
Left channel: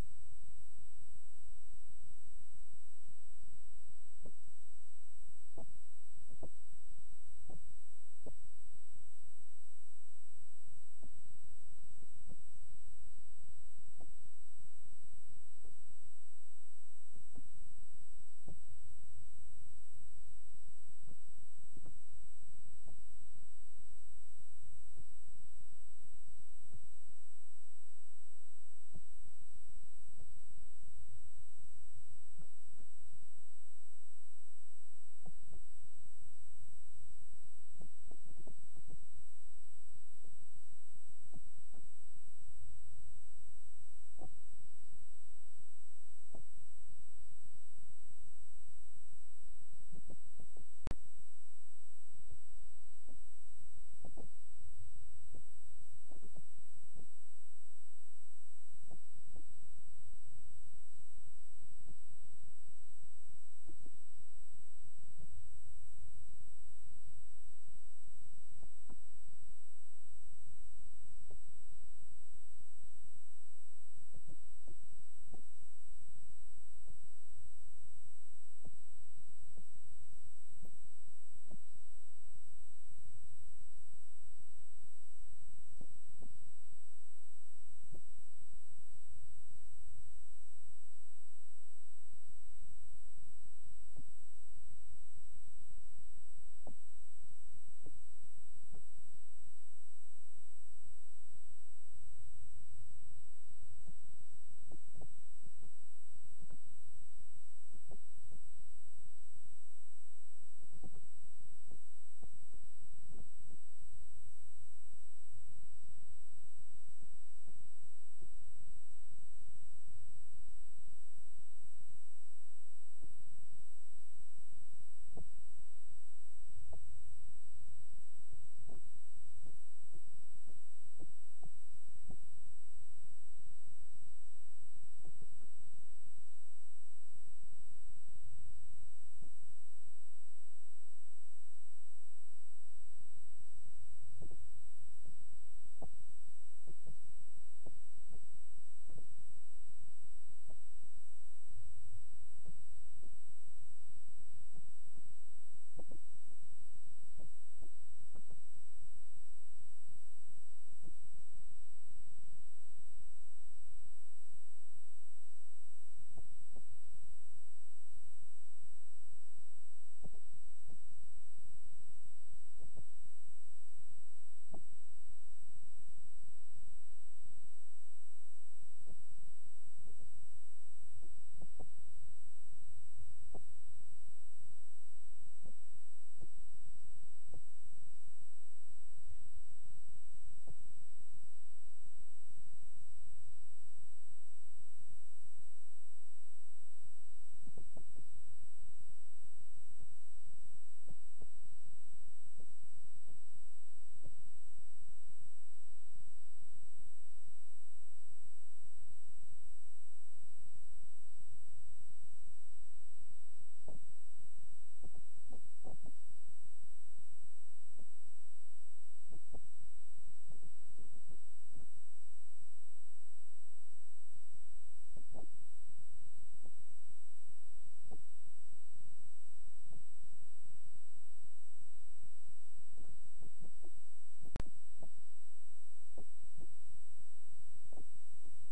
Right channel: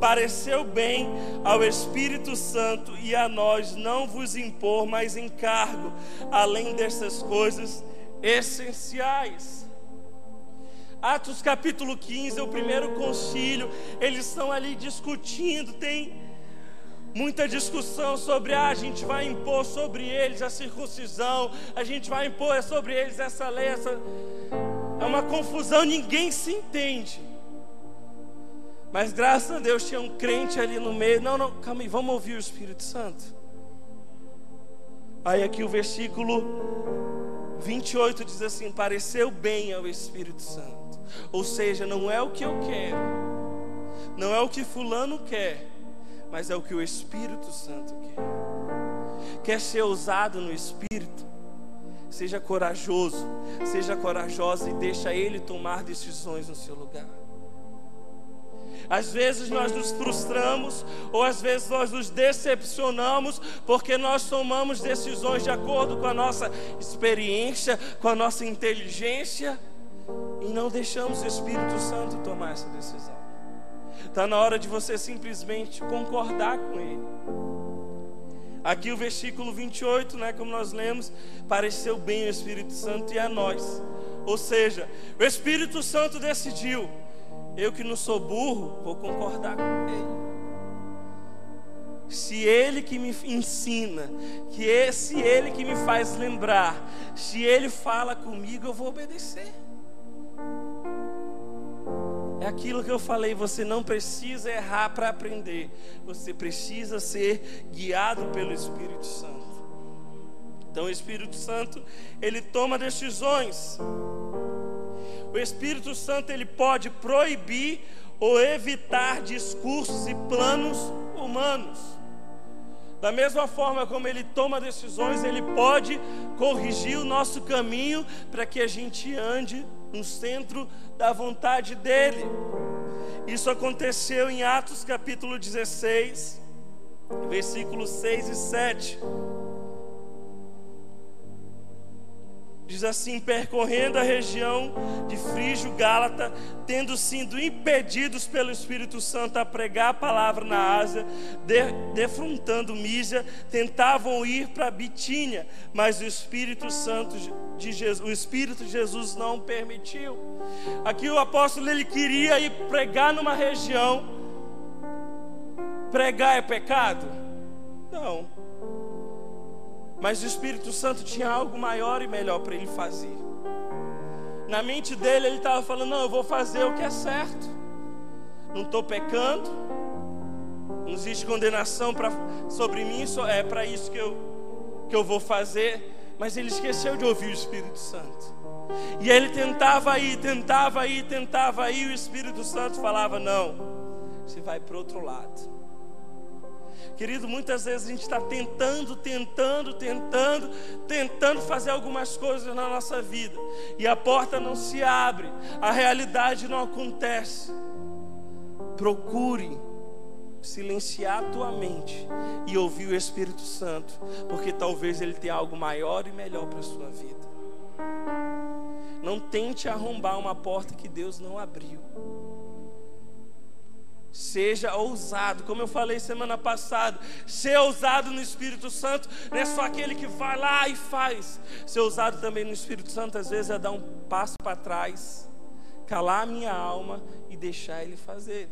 Pareceu bem ao Espírito Santo e a nós não vos impor mais encargo, além dessas coisas essenciais. Atos capítulo 15 é o primeiro concílio. Eles estão ali discutindo, tem muita discussão sobre a gente vai impor sobre eles a circuncisão, a gente vai impor sobre eles essa lei, é uma confusão, ninguém se entende. Mas graças a Deus tinha um crente ali no meio. Não, calma aí, vamos ouvir o Espírito Santo. Aí aqui o versículo 28 diz assim: pareceu bem ao Espírito Santo. Ou seja, não é o que eu quero, não é o que fulano quer, mas é o que o Espírito Santo quer. Quer ser ousado no Espírito? Seja corajoso, seja corajosa e deixa Ele tomar decisões no seu lugar. Às vezes nós nos frustramos, ou às vezes nós nos decepcionamos, porque nós tomamos decisões de acordo com a nossa experiência, com a nossa inteligência, e não deixamos o Espírito Santo tomar essa decisão. Está na hora de você simplesmente concordar com Ele. Aqui o versículo 28, como nós lemos, pareceu bem o Espírito Santo e a nós. Ou seja, o Espírito Santo decidiu: eu que não sou burro, vou concordar com Ele. Se Ele que me ensina, se Ele que me faz lembrar, se Ele fala comigo, eu vou obedecer. É aquilo que eu falei, você não precisa errar para aprender, você precisa ser guiado pelo Espírito Santo. Então o Espírito Santo, Ele toma decisões. O Espírito Santo, Ele pode proibir ou evitar discursos e planos humanos. Da mesma forma como Ele toma decisões, Ele pode corrigir o nosso caminho para que a gente ande no centro da vontade dEle. Isso aconteceu em Atos capítulo 16, versículos 6 e 7. Diz assim: percorrendo a região de Frígio, Gálata, tendo sido impedidos pelo Espírito Santo a pregar a palavra na Ásia, defrontando Mísia, tentavam ir para Bitínia, mas o Espírito de Jesus não permitiu. Aqui o apóstolo, ele queria ir pregar numa região. Pregar é pecado? Não. Mas o Espírito Santo tinha algo maior e melhor para ele fazer. Na mente dele, ele estava falando: não, eu vou fazer o que é certo. Não estou pecando. Não existe condenação sobre mim. É para isso que eu vou fazer. Mas ele esqueceu de ouvir o Espírito Santo. E ele tentava ir. E o Espírito Santo falava: não, você vai para o outro lado. Querido, muitas vezes a gente está tentando fazer algumas coisas na nossa vida, e a porta não se abre, a realidade não acontece. Procure silenciar a tua mente e ouvir o Espírito Santo, porque talvez Ele tenha algo maior e melhor para a sua vida. Não tente arrombar uma porta que Deus não abriu. Seja ousado, como eu falei semana passada. Ser ousado no Espírito Santo não é só aquele que vai lá e faz. Ser ousado também no Espírito Santo, às vezes, é dar um passo para trás, calar a minha alma e deixar Ele fazer.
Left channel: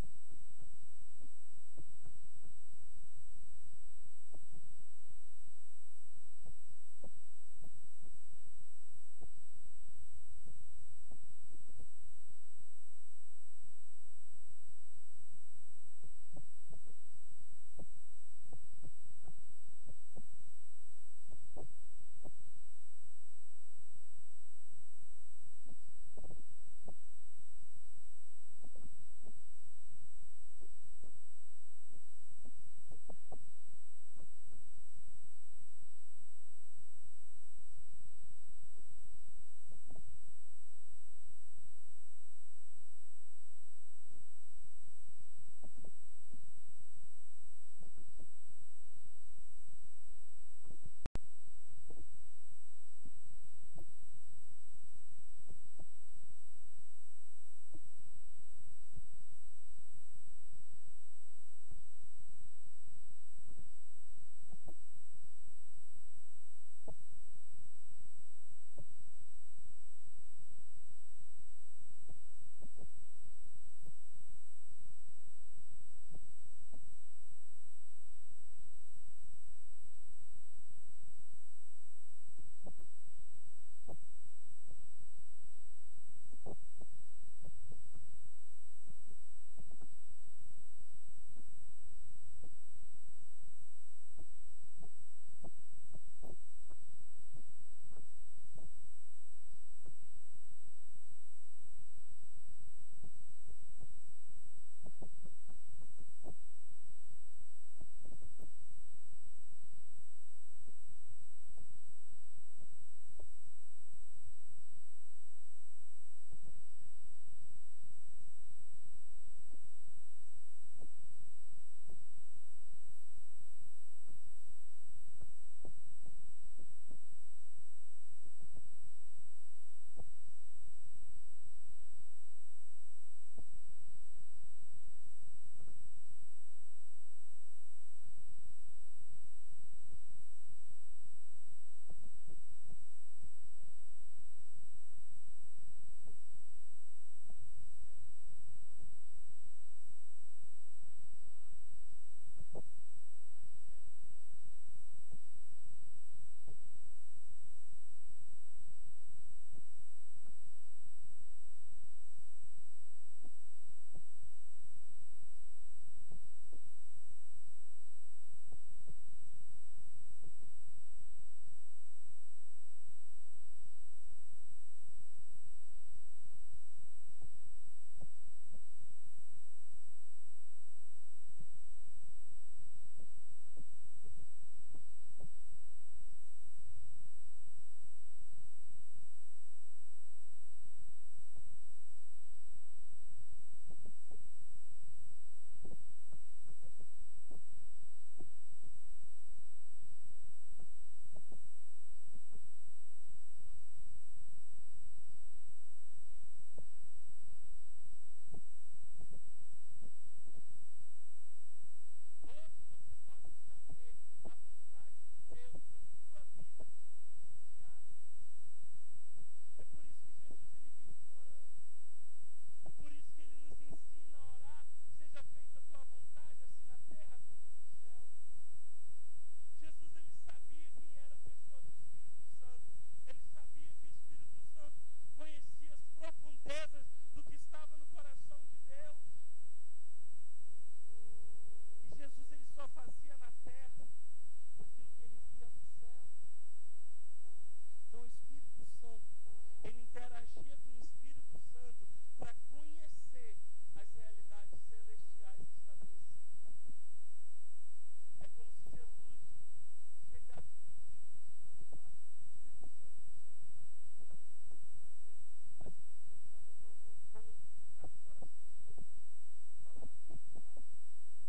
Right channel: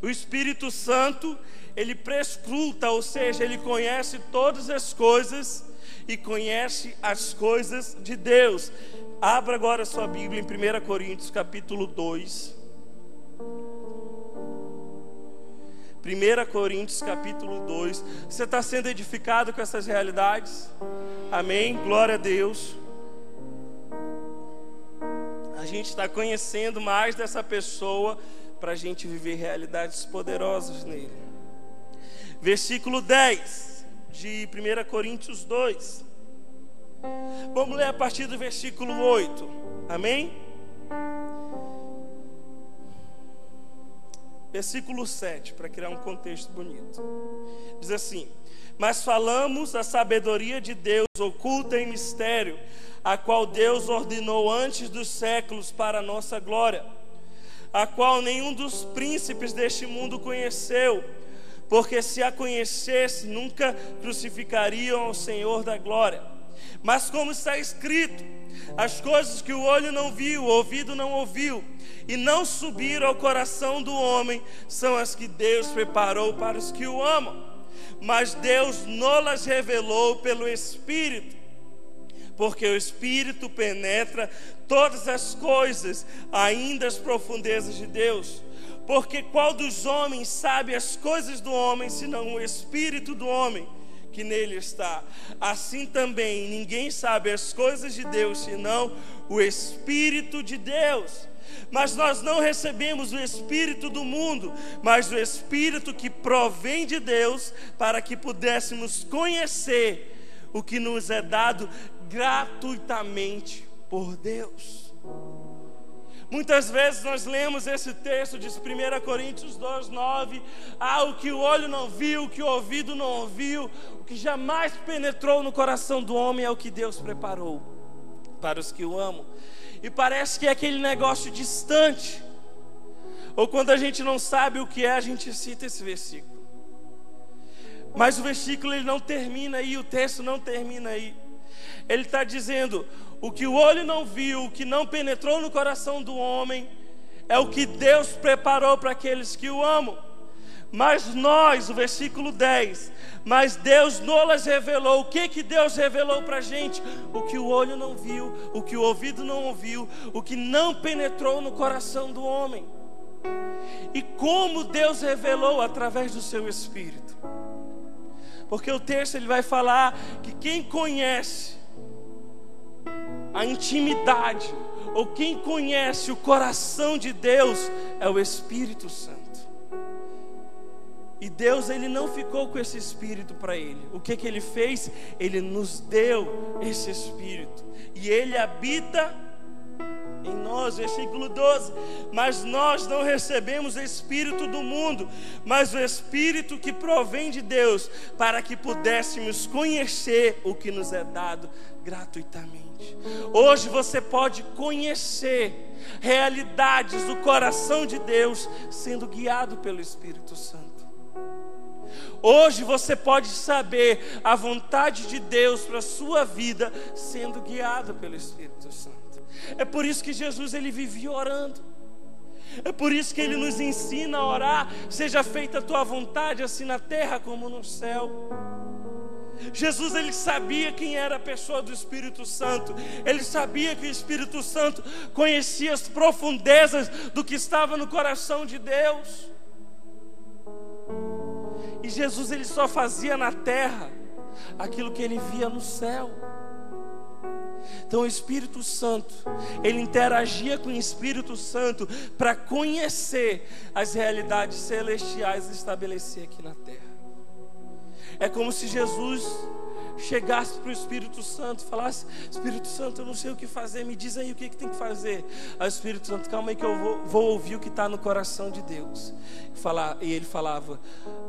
O Espírito Santo, Ele prescruta, ou seja, Ele conhece todas as coisas e conhece as coisas de Deus. Abra agora a sua Bíblia em 1 Coríntios capítulo 2. 1 Coríntios capítulo 2. Você está sendo edificado com essas realidades? Amém? Glória a Deus. A gente está conhecendo mais dessa pessoa para a gente viver realidades poderosas nele. Versículo 10 de 1 Coríntios 2. Vamos ler a partir do versículo 8. Amém? Versículo 7, para criar um contexto bonito. Diz assim: mas falamos a sabedoria de Deus oculta em mistério, a qual Deus ordenou antes dos séculos para a nossa glória, a qual nenhum dos príncipes deste mundo conheceu, porque se a conhecesse, nunca crucificariam ao Senhor da glória. Mas como está escrito: As coisas que o olho não viu, o ouvido não ouviu, e não subiram ao coração do homem, são as que Deus preparou para os que o amam. Mas Deus não-las revelou pelo Espírito, porque o Espírito penetra todas as coisas, ainda as profundezas de Deus. Porque qual dos homens sabe as coisas do homem, senão o Espírito do homem que nele está? Assim também ninguém sabe as coisas de Deus, senão o Espírito de Deus. Mas nós não recebemos o Espírito do mundo, mas o Espírito que provém de Deus, para que pudéssemos conhecer o que nos é dado gratuitamente por Deus. Muitas vezes nós lemos esse texto de 1 Coríntios 2:9, o que o olho não viu, o que o ouvido não ouviu, o que jamais penetrou no coração do homem é o que Deus preparou para os que o amam. E parece que é aquele negócio distante, ou quando a gente não sabe o que é, a gente cita esse versículo. Mas o versículo ele não termina aí, o texto não termina aí. Ele está dizendo: o que o olho não viu, o que não penetrou no coração do homem, é o que Deus preparou para aqueles que o amam. Mas nós, o versículo 10, mas Deus não-las revelou. O que Deus revelou para a gente? O que o olho não viu, o que o ouvido não ouviu, o que não penetrou no coração do homem. E como Deus revelou? Através do seu Espírito. Porque o texto ele vai falar que quem conhece a intimidade, ou quem conhece o coração de Deus, é o Espírito Santo. E Deus ele não ficou com esse Espírito para ele. O que ele fez? Ele nos deu esse Espírito, e ele habita em nós. Versículo 12: mas nós não recebemos o Espírito do mundo, mas o Espírito que provém de Deus, para que pudéssemos conhecer o que nos é dado gratuitamente. Hoje você pode conhecer realidades do coração de Deus sendo guiado pelo Espírito Santo. Hoje você pode saber a vontade de Deus para a sua vida sendo guiado pelo Espírito Santo. É por isso que Jesus ele vivia orando. É por isso que ele nos ensina a orar: seja feita a tua vontade, assim na terra como no céu. Jesus ele sabia quem era a pessoa do Espírito Santo. Ele sabia que o Espírito Santo conhecia as profundezas do que estava no coração de Deus. E Jesus ele só fazia na terra aquilo que ele via no céu. Então o Espírito Santo, ele interagia com o Espírito Santo para conhecer as realidades celestiais e estabelecer aqui na terra. É como se Jesus chegasse para o Espírito Santo e falasse: Espírito Santo, eu não sei o que fazer, me diz aí o que tem que fazer. Aí o Espírito Santo: calma aí que eu vou ouvir o que está no coração de Deus. E ele falava:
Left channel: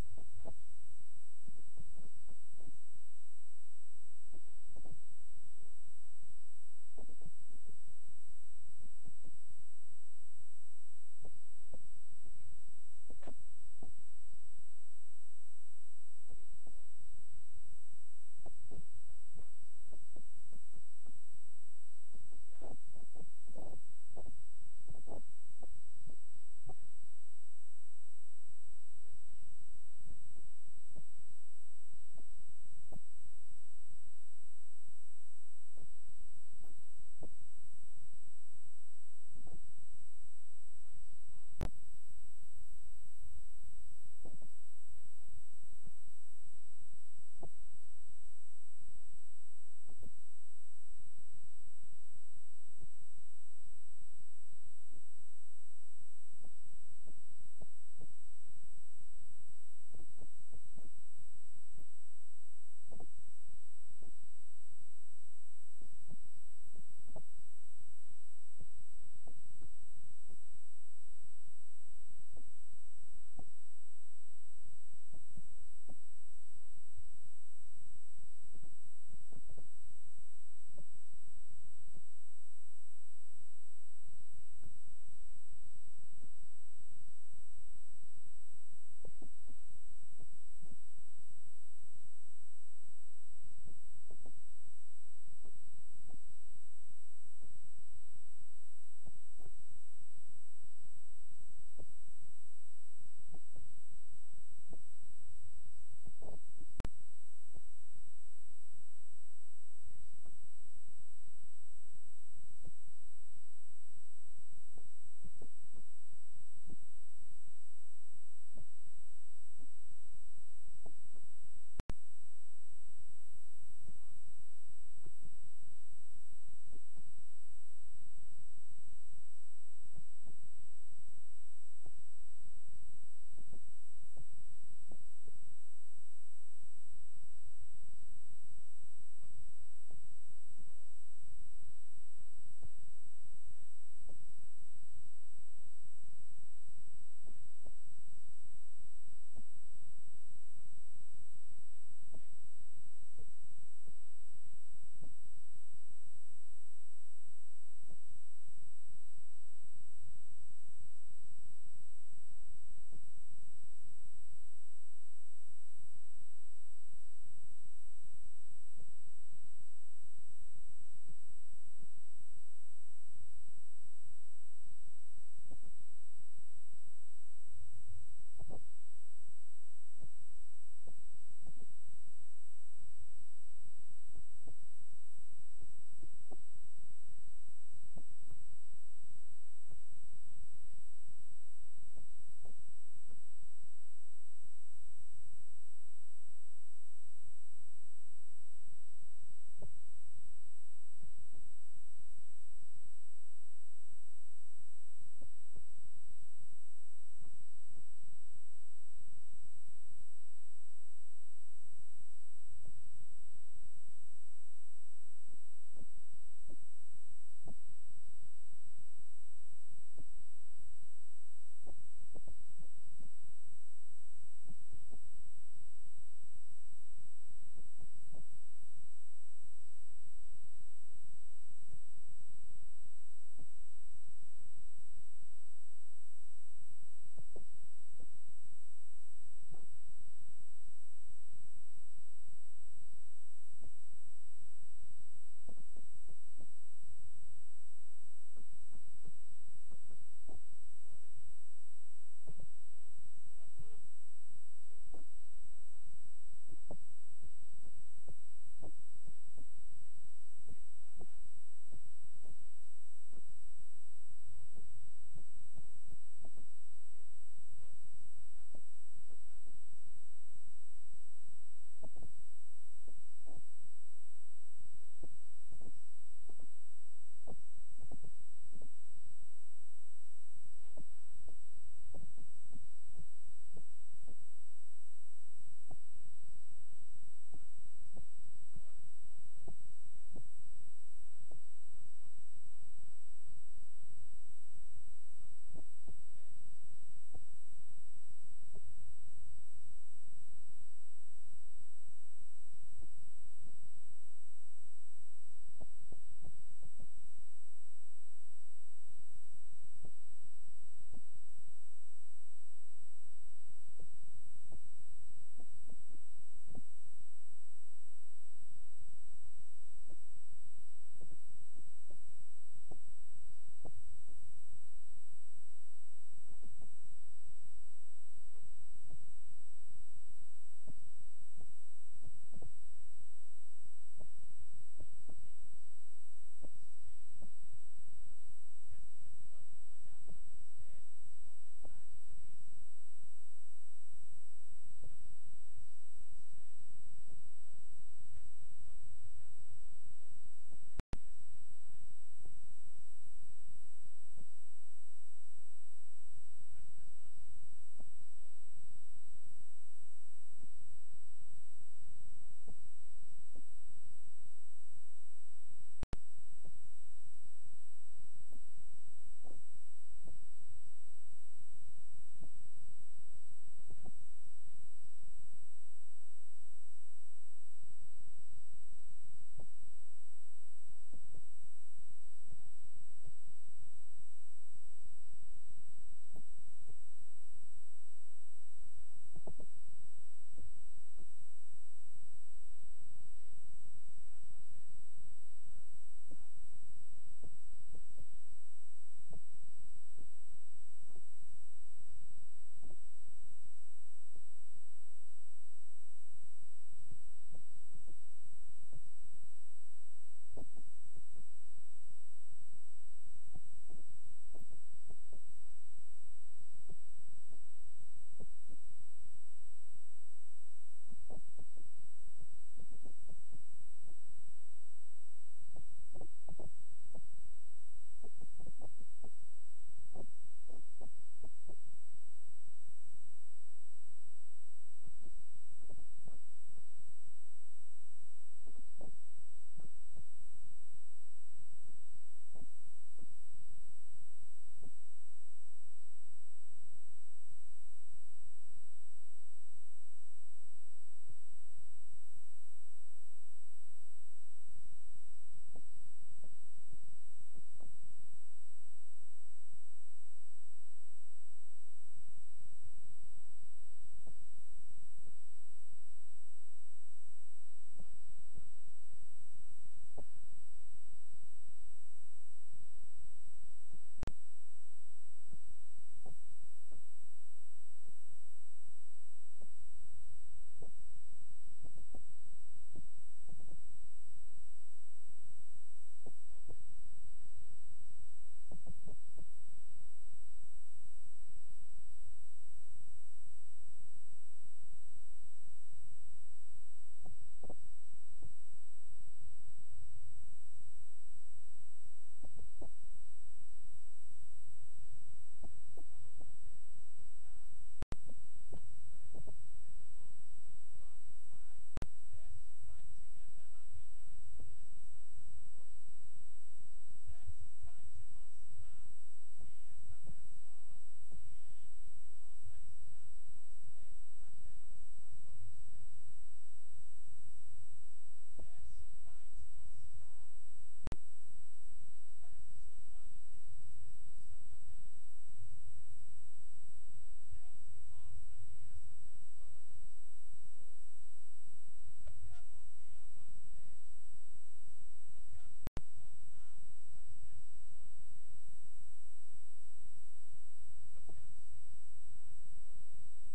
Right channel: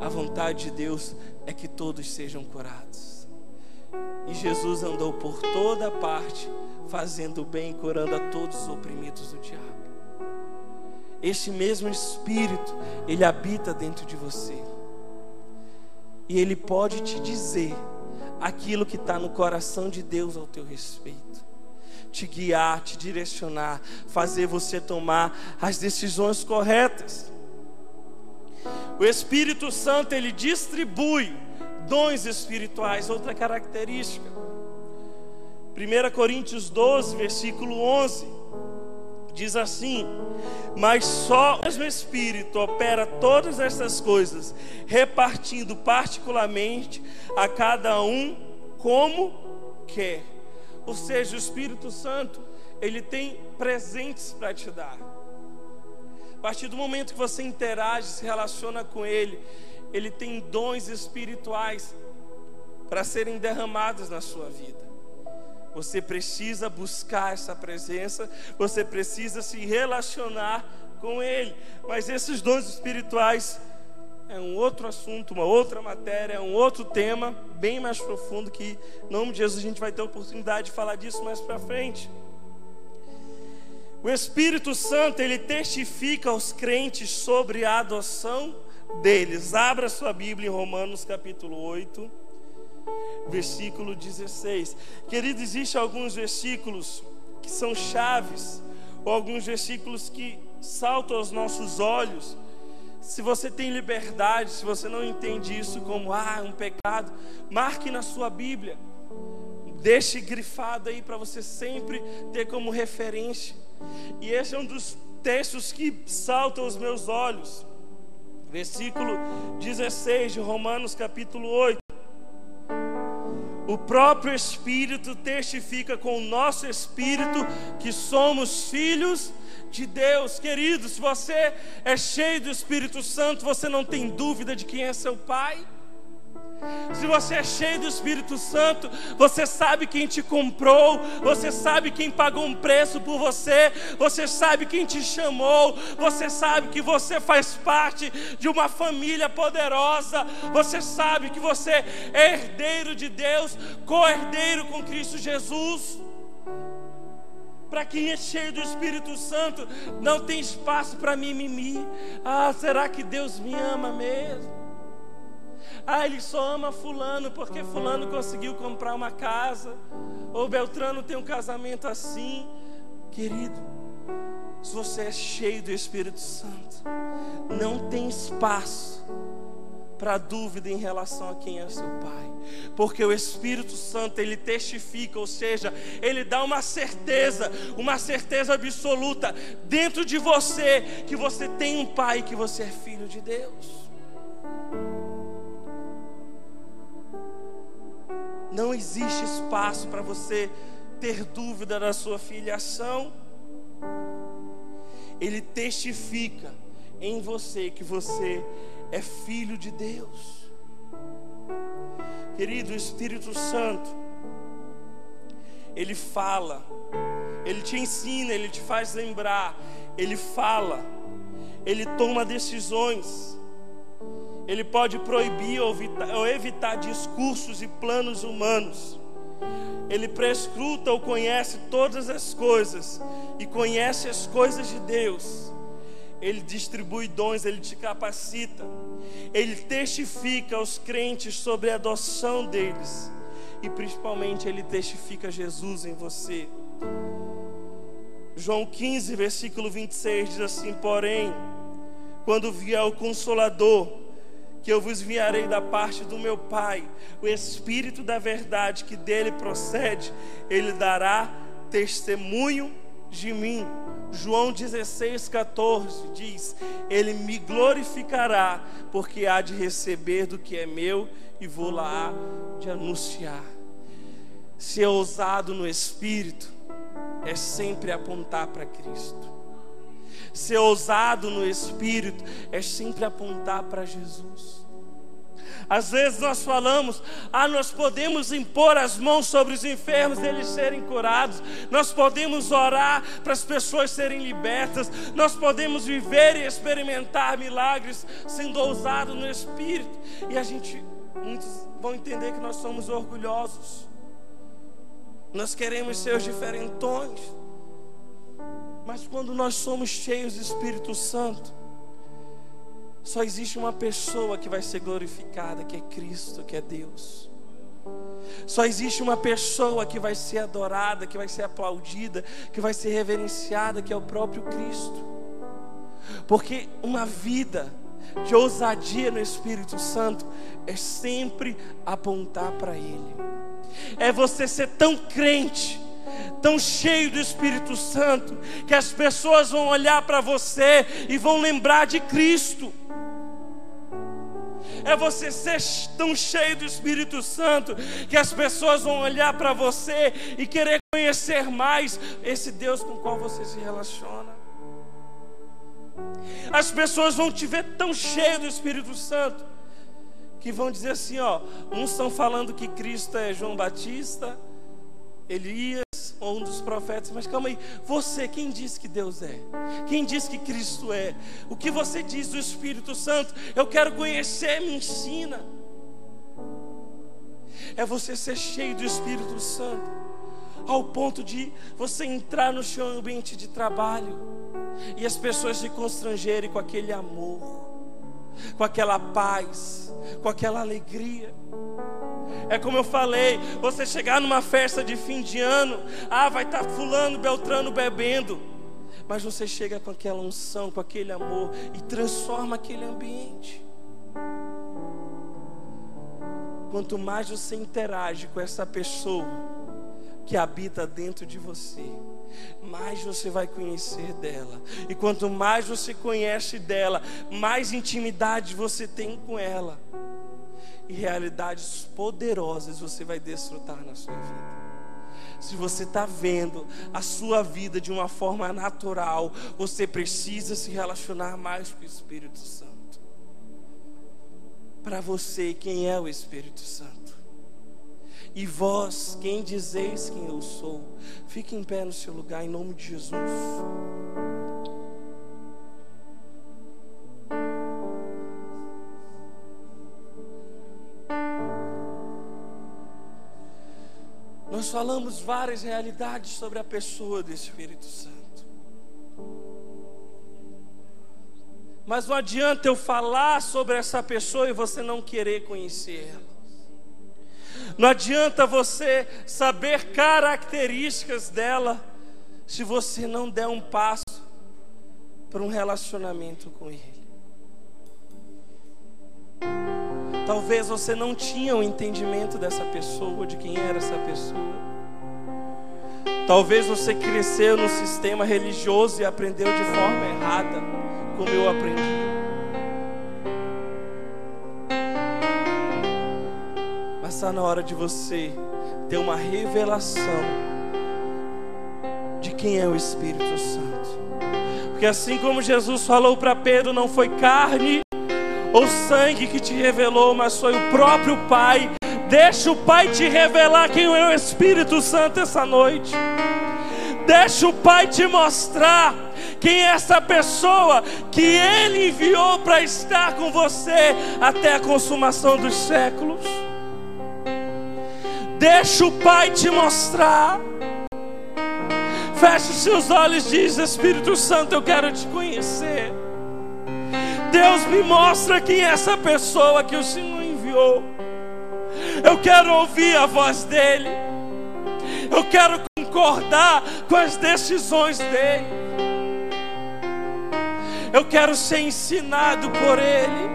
a vontade de Deus é que todos sejam curados. E Jesus andou por toda parte, fazendo o bem e curando a todos os oprimidos do diabo. Este mesmo Espírito, ele habita dentro de você. E ele pode te dizer aquilo que está no coração de Deus ao teu respeito, te guiar, te direcionar, fazer você tomar as decisões corretas. O Espírito Santo ele distribui dons espirituais. Outra característica, 1 Coríntios 12, versículo 11, diz assim: mas só o mesmo Espírito opera todas essas coisas, repartindo particularmente a cada um como quer. Ou seja, o Espírito Santo ele tem presentes para te dar. A partir do momento que você interage, se relaciona com ele, ele tem dons espirituais para serem derramados na sua vida. Você precisa buscar essa presença, você precisa se relacionar com ele. Mas esses dons espirituais é um outro assunto, uma outra matéria, é um outro tema bem mais profundo, que em nome de Jesus a gente vai ter a oportunidade de falar disso mais para frente. O Espírito Santo ele testifica aos crentes sobre a adoção deles. Abra sua Bíblia em Romanos capítulo 8, versículo 16. Querido, existem alguns versículos que são chaves, ou alguns versículos que saltam aos nossos olhos. Se você tem liberdade, se você não entende isso como um pecado, marque na sua Bíblia, deixe grifado aí para você sempre ter como referência. E esse é um dos textos que saltam aos meus olhos. Versículo 16 de Romanos capítulo 8. O próprio Espírito testifica com o nosso espírito que somos filhos de Deus. Querido, se você é cheio do Espírito Santo, você não tem dúvida de quem é seu Pai. Se você é cheio do Espírito Santo, você sabe quem te comprou, você sabe quem pagou um preço por você, você sabe quem te chamou, você sabe que você faz parte de uma família poderosa, você sabe que você é herdeiro de Deus, co-herdeiro com Cristo Jesus. Para quem é cheio do Espírito Santo, não tem espaço para mimimi. Será que Deus me ama mesmo? Ele só ama fulano porque fulano conseguiu comprar uma casa, ou Beltrano tem um casamento assim. Querido, se você é cheio do Espírito Santo, não tem espaço para dúvida em relação a quem é seu Pai, porque o Espírito Santo, ele testifica, ou seja, ele dá uma certeza absoluta dentro de você, que você tem um Pai, que você é filho de Deus. Não existe espaço para você ter dúvida da sua filiação. Ele testifica em você que você é filho de Deus. Querido, o Espírito Santo, ele fala, ele te ensina, ele te faz lembrar, ele fala, ele toma decisões. Ele pode proibir ou evitar discursos e planos humanos. Ele prescruta ou conhece todas as coisas e conhece as coisas de Deus. Ele distribui dons, ele te capacita. Ele testifica aos crentes sobre a adoção deles. E principalmente ele testifica Jesus em você. João 15, versículo 26 diz assim: porém, quando vier o Consolador, que eu vos enviarei da parte do meu Pai, o Espírito da verdade que dele procede, ele dará testemunho de mim. João 16,14 diz: ele me glorificará, porque há de receber do que é meu e vou lá de anunciar. Ser ousado no Espírito é sempre apontar para Cristo. Ser ousado no Espírito é sempre apontar para Jesus. Às vezes nós falamos, nós podemos impor as mãos sobre os enfermos, eles serem curados. Nós podemos orar para as pessoas serem libertas. Nós podemos viver e experimentar milagres sendo ousado no Espírito. E muitos vão entender que nós somos orgulhosos. Nós queremos ser os diferentões. Mas quando nós somos cheios do Espírito Santo, só existe uma pessoa que vai ser glorificada, que é Cristo, que é Deus. Só existe uma pessoa que vai ser adorada, que vai ser aplaudida, que vai ser reverenciada, que é o próprio Cristo. Porque uma vida de ousadia no Espírito Santo é sempre apontar para Ele. É você ser tão crente, tão cheio do Espírito Santo, que as pessoas vão olhar para você e vão lembrar de Cristo. É você ser tão cheio do Espírito Santo, que as pessoas vão olhar para você e querer conhecer mais esse Deus com o qual você se relaciona. As pessoas vão te ver tão cheio do Espírito Santo, que vão dizer assim, uns estão falando que Cristo é João Batista, Elias, ou um dos profetas. Mas calma aí, você, quem disse que Deus é? Quem disse que Cristo é? O que você diz do Espírito Santo? Eu quero conhecer, me ensina. É você ser cheio do Espírito Santo, ao ponto de você entrar no seu ambiente de trabalho e as pessoas se constrangerem com aquele amor, com aquela paz, com aquela alegria. É como eu falei, você chegar numa festa de fim de ano, vai estar fulano, beltrano bebendo, mas você chega com aquela unção, com aquele amor e transforma aquele ambiente. Quanto mais você interage com essa pessoa que habita dentro de você, mais você vai conhecer dela. E quanto mais você conhece dela, mais intimidade você tem com ela. E realidades poderosas você vai desfrutar na sua vida. Se você está vendo a sua vida de uma forma natural, você precisa se relacionar mais com o Espírito Santo. Para você, quem é o Espírito Santo? E vós, quem dizeis quem eu sou? Fique em pé no seu lugar, em nome de Jesus. Nós falamos várias realidades sobre a pessoa do Espírito Santo. Mas não adianta eu falar sobre essa pessoa e você não querer conhecer ela. Não adianta você saber características dela se você não der um passo para um relacionamento com ele. Talvez você não tinha o entendimento dessa pessoa, de quem era essa pessoa. Talvez você cresceu num sistema religioso e aprendeu de forma errada, como eu aprendi. Mas está na hora de você ter uma revelação de quem é o Espírito Santo. Porque assim como Jesus falou para Pedro, não foi carne ou sangue que te revelou, mas foi o próprio Pai. Deixa o Pai te revelar quem é o Espírito Santo essa noite. Deixa o Pai te mostrar quem é essa pessoa que Ele enviou para estar com você até a consumação dos séculos. Deixa o Pai te mostrar. Feche os seus olhos e diz: Espírito Santo, eu quero te conhecer. Deus, me mostra quem é essa pessoa que o Senhor enviou. Eu quero ouvir a voz dEle. Eu quero concordar com as decisões dEle. Eu quero ser ensinado por Ele.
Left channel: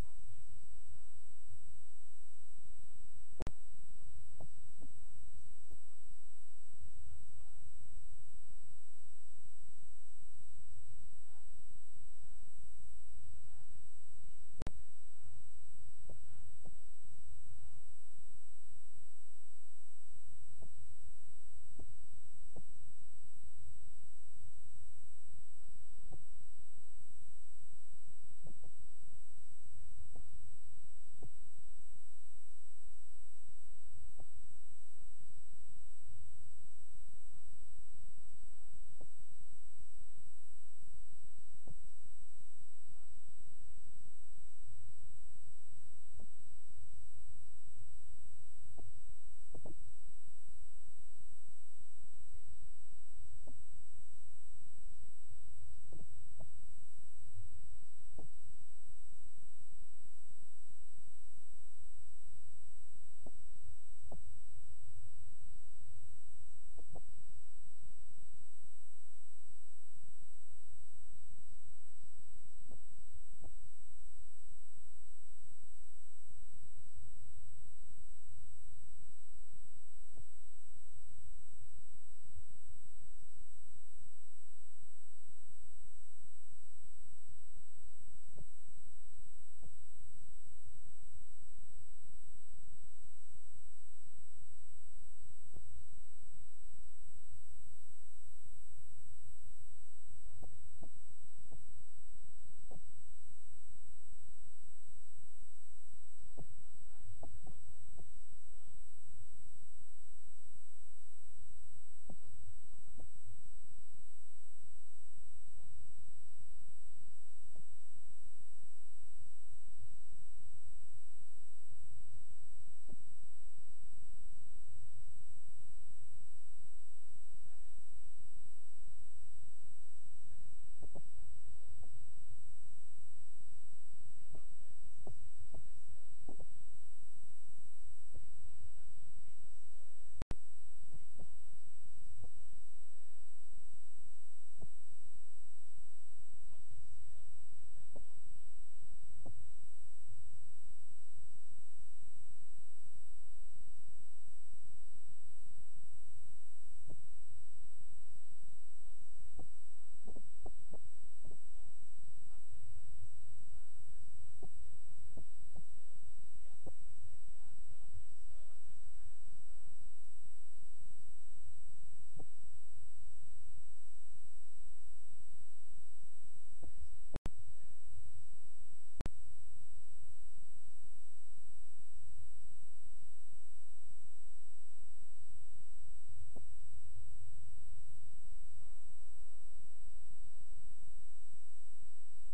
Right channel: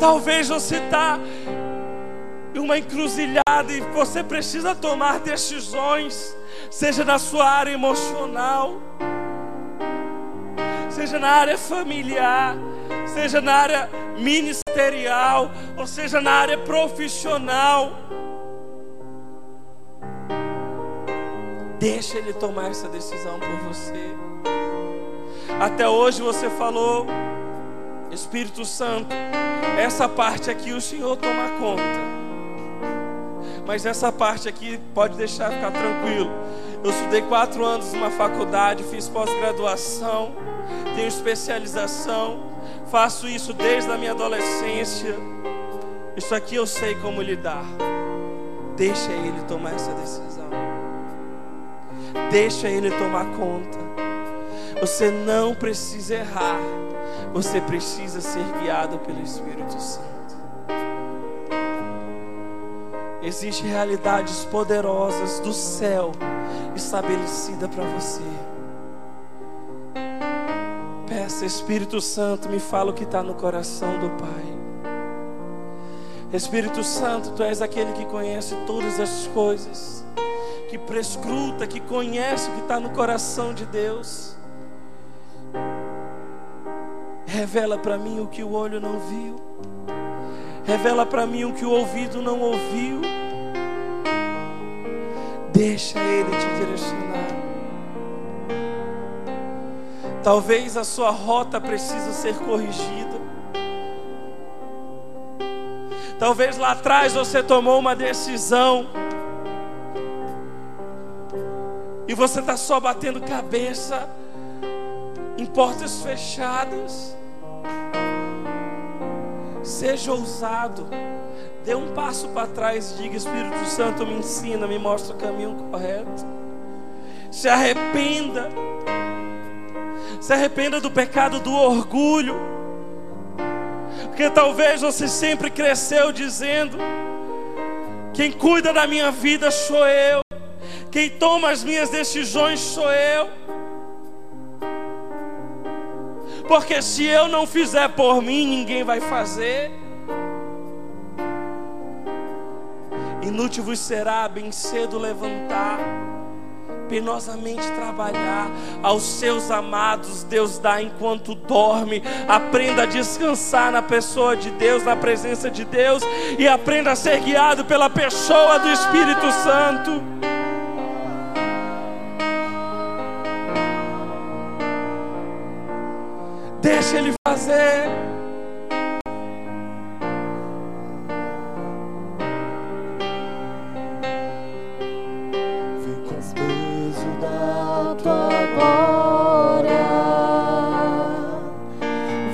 Talvez você está em uma encruzilhada e você precisa tomar decisões, seja na sua área emocional, seja na área familiar, seja na área ministerial, ou seja na área profissional. Deixa Ele tomar essa decisão por você. Até hoje você falou: Espírito Santo, essa parte aqui o Senhor toma conta. Mas essa parte aqui pode deixar ficar tranquilo. Eu estudei 4 anos numa faculdade, fiz pós-graduação, tenho especialização, faço isso desde a minha adolescência. Isso aqui eu sei como lidar. Deixa Ele tomar essa decisão. Deixa Ele tomar conta. Você não precisa errar. Você precisa ser guiado pelo Espírito Santo. Existem realidades poderosas do céu estabelecida para você. Peça: Espírito Santo, me fala o que está no coração do Pai. Espírito Santo, Tu és aquele que conhece todas as coisas, que prescruta, que conhece o que está no coração de Deus. Revela para mim o que o olho não viu. Revela para mim o que o ouvido não ouviu. Deixa Ele te direcionar. Talvez a sua rota precise ser corrigida. Talvez lá atrás você tomou uma decisão e você está só batendo cabeça em portas fechadas. Seja ousado. Dê um passo para trás e diga: Espírito Santo, me ensina, me mostra o caminho correto. Se arrependa. Se arrependa do pecado do orgulho. Porque talvez você sempre cresceu dizendo: quem cuida da minha vida sou eu, quem toma as minhas decisões sou eu. Porque se eu não fizer por mim, ninguém vai fazer. Inútil vos será bem cedo levantar, penosamente trabalhar. Aos seus amados Deus dá enquanto dorme. Aprenda a descansar na pessoa de Deus, na presença de Deus, e aprenda a ser guiado pela pessoa do Espírito Santo. Deixa Ele fazer. Vem com o peso da tua glória,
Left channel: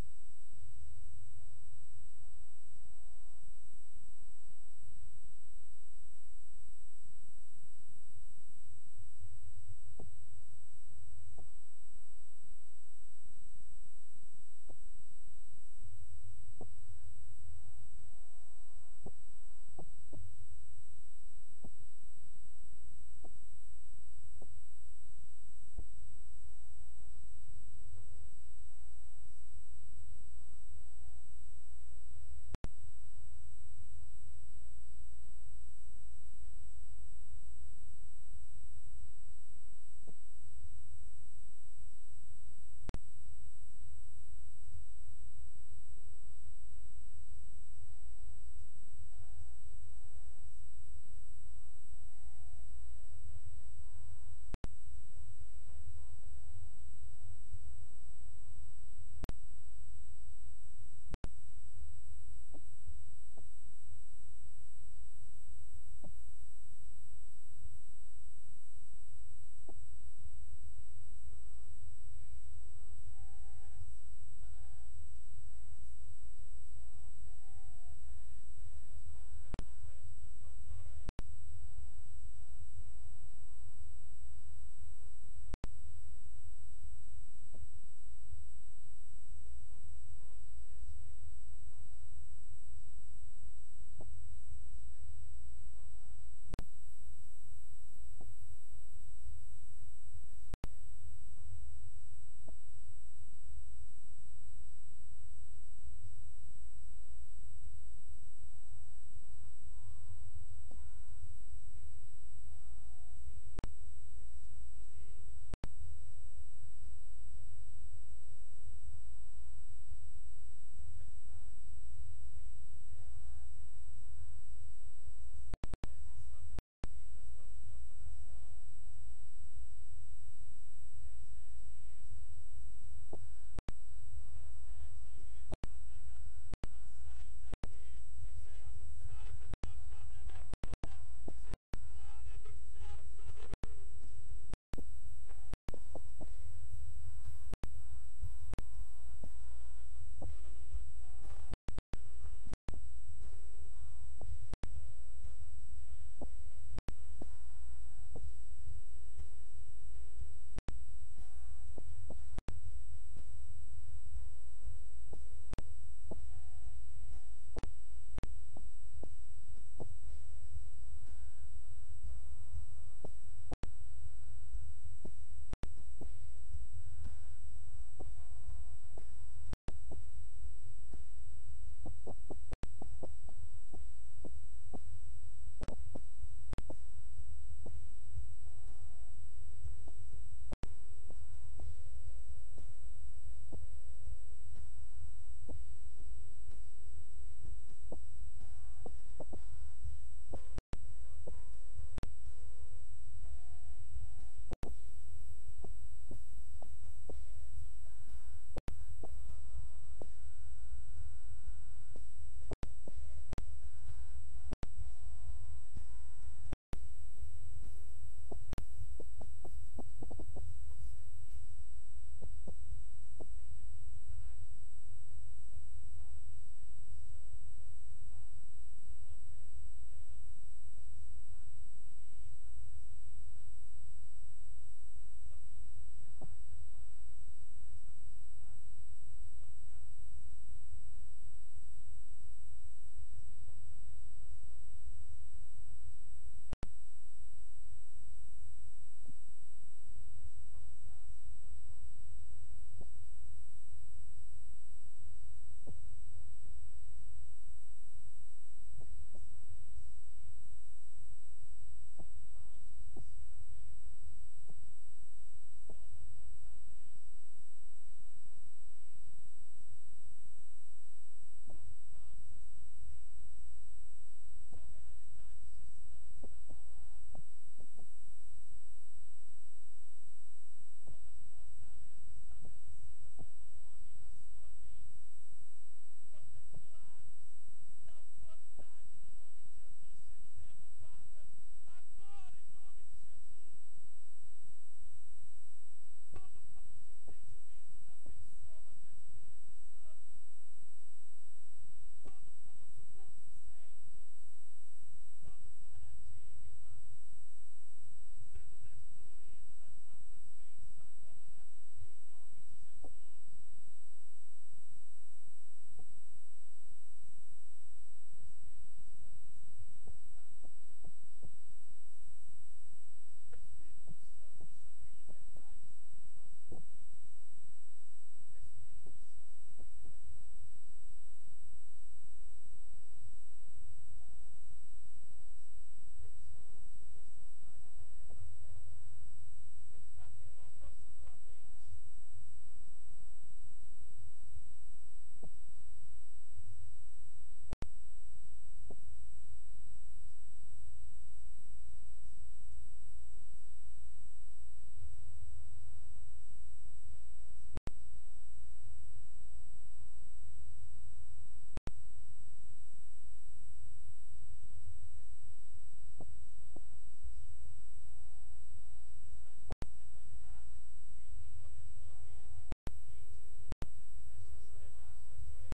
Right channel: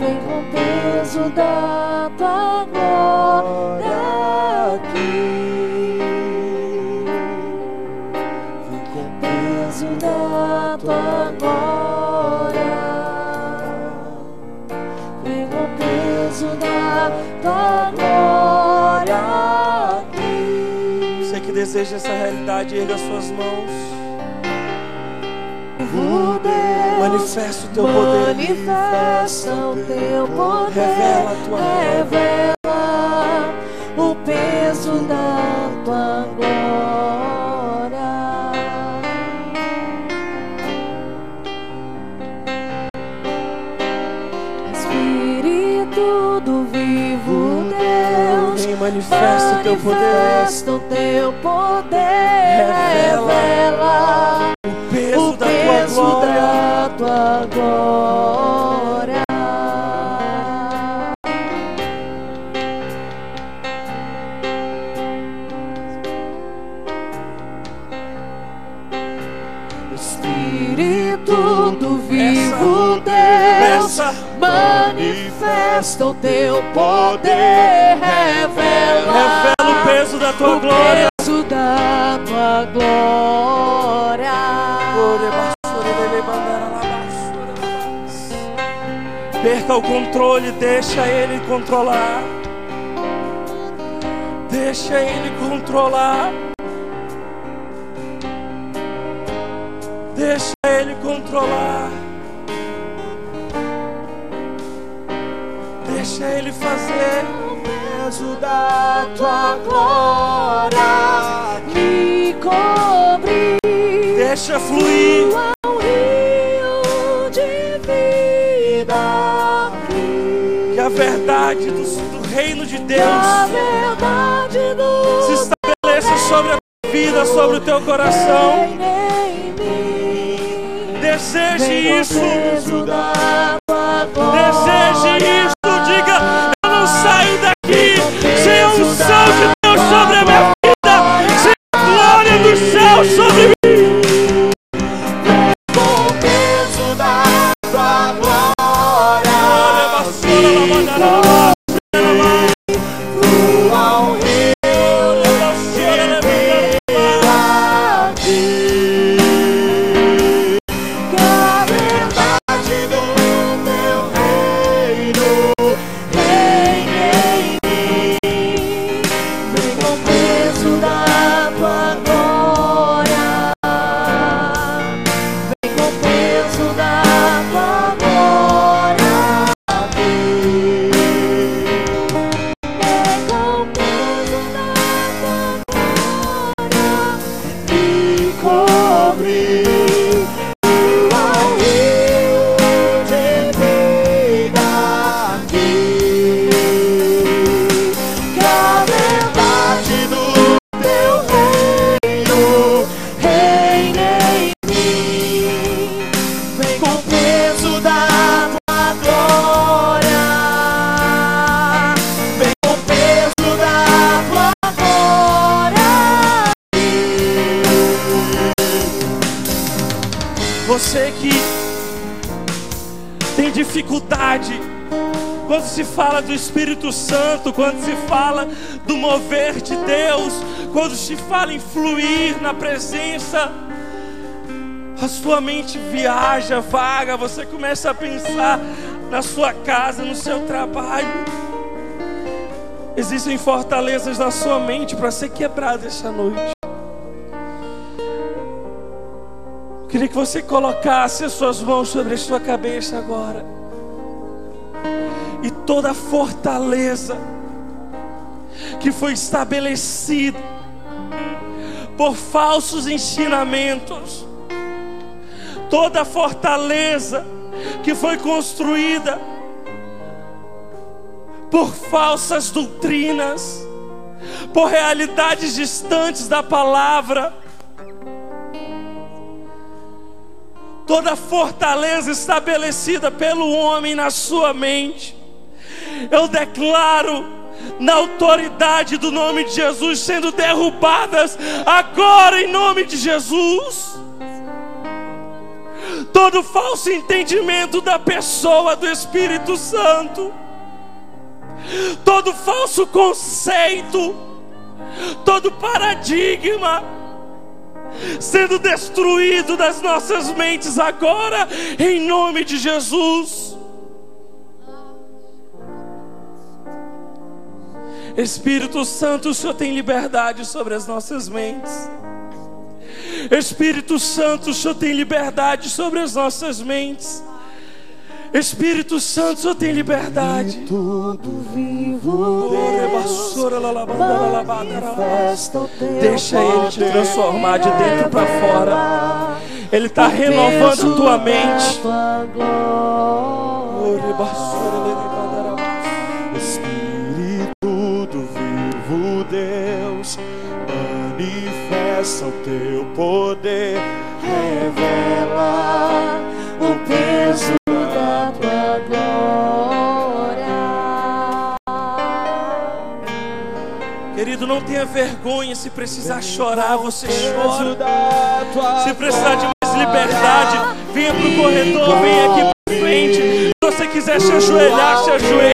vem com o peso da tua glória aqui, vem com o peso da tua glória, vem com o peso da tua glória aqui. Você que deseja essa realidade, erga suas mãos. Manifesta o teu poder. Manifesta o teu poder. Revela a tua Revela o peso da tua glória. Espírito do vivo Deus, Vem, manifesta o teu poder. manifesta o teu poder. Revela O peso o da peso tua glória. da tua glória. Espírito do vivo Deus, Peça. manifesta o teu poder. Revela Revela o peso da tua glória. o peso da tua glória. Perca o controle, deixa Ele controlar. Deixa Ele controlar. Deixa Ele controlar. Deixa Ele fazer. O peso da tua glória me cobre. Deixa fluir. Um rio de vida. Que a verdade do reino de A Deus verdade do se estabeleça sobre a tua vida, sobre o teu coração. em mim. Deseje Vem isso. o peso da tua glória. Deseje isso. Diga: eu não saio daqui sem a unção de Deus sobre a minha vida, sem a glória do céu sobre mim. Com o peso da tua glória. Flua um rio de vida aqui. Que a verdade do teu reino reine em mim. Vem com o peso da tua glória. Vem com o peso da tua glória aqui. Vem com o peso da tua glória me cobre. Flua um rio de vida aqui. Que a verdade do teu reino reine em mim. Vem com o peso da tua glória. Vem com o peso da tua glória. Você que tem dificuldade quando se fala do Espírito Santo, quando se fala do mover de Deus, quando se fala em fluir na presença, a sua mente viaja, vaga, você começa a pensar na sua casa, no seu trabalho. Existem fortalezas na sua mente para ser quebrada essa noite. Eu queria que você colocasse as suas mãos sobre a sua cabeça agora. E toda fortaleza que foi estabelecida por falsos ensinamentos, toda fortaleza que foi construída por falsas doutrinas, por realidades distantes da palavra, toda fortaleza estabelecida pelo homem na sua mente, eu declaro na autoridade do nome de Jesus sendo derrubadas agora em nome de Jesus. Todo falso entendimento da pessoa do Espírito Santo, todo falso conceito, todo paradigma sendo destruído das nossas mentes agora em nome de Jesus. Espírito Santo, o Senhor tem liberdade sobre as nossas mentes. Espírito Santo, o Senhor tem liberdade sobre as nossas mentes. Espírito Santo, o Senhor tem liberdade. E tudo vivo Deus manifesta o teu Deixa Ele te transformar de dentro para fora. Ele está renovando a tua mente. Espírito do vivo Deus, manifesta o teu poder, revela o peso da tua glória. Querido, não tenha vergonha. Se precisar chorar, você chora. Se precisar de mais liberdade, venha para o corredor, venha aqui para frente. Se você quiser se ajoelhar, se ajoelhe.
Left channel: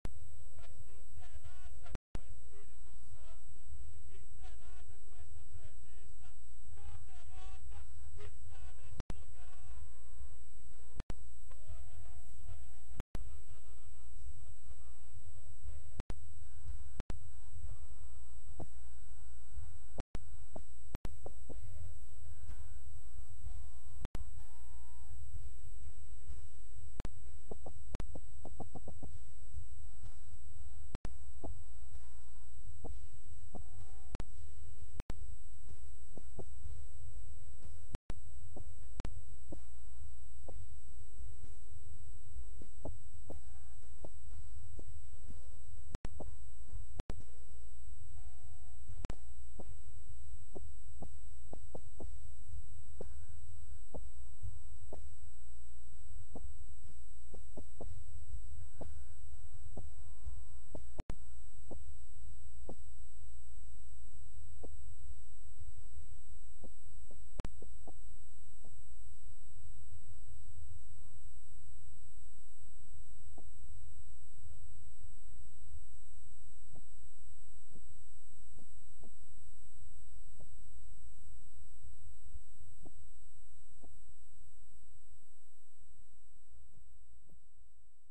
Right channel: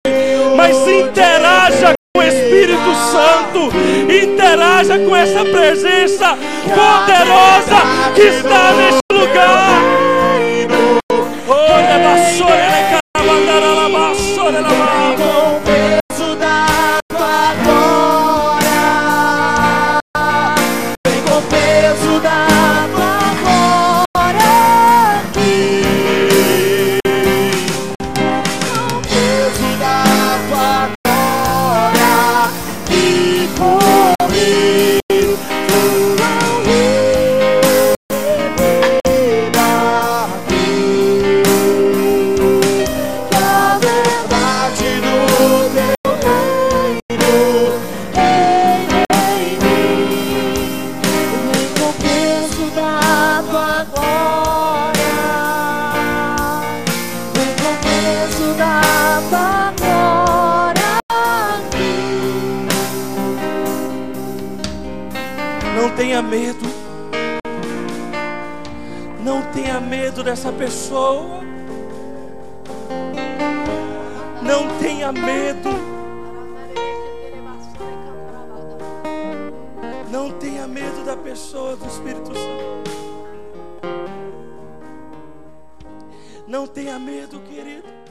Mas interaja com o Espírito Santo. Interaja com essa presença poderosa que está neste lugar. Olha, vassoura, ela carabandara, ela vassoura, ela vassoura. Não tenha medo. Não tenha medo dessa pessoa. Não tenha medo. Não tenha medo da pessoa do Espírito Santo. Não tenha medo, querido.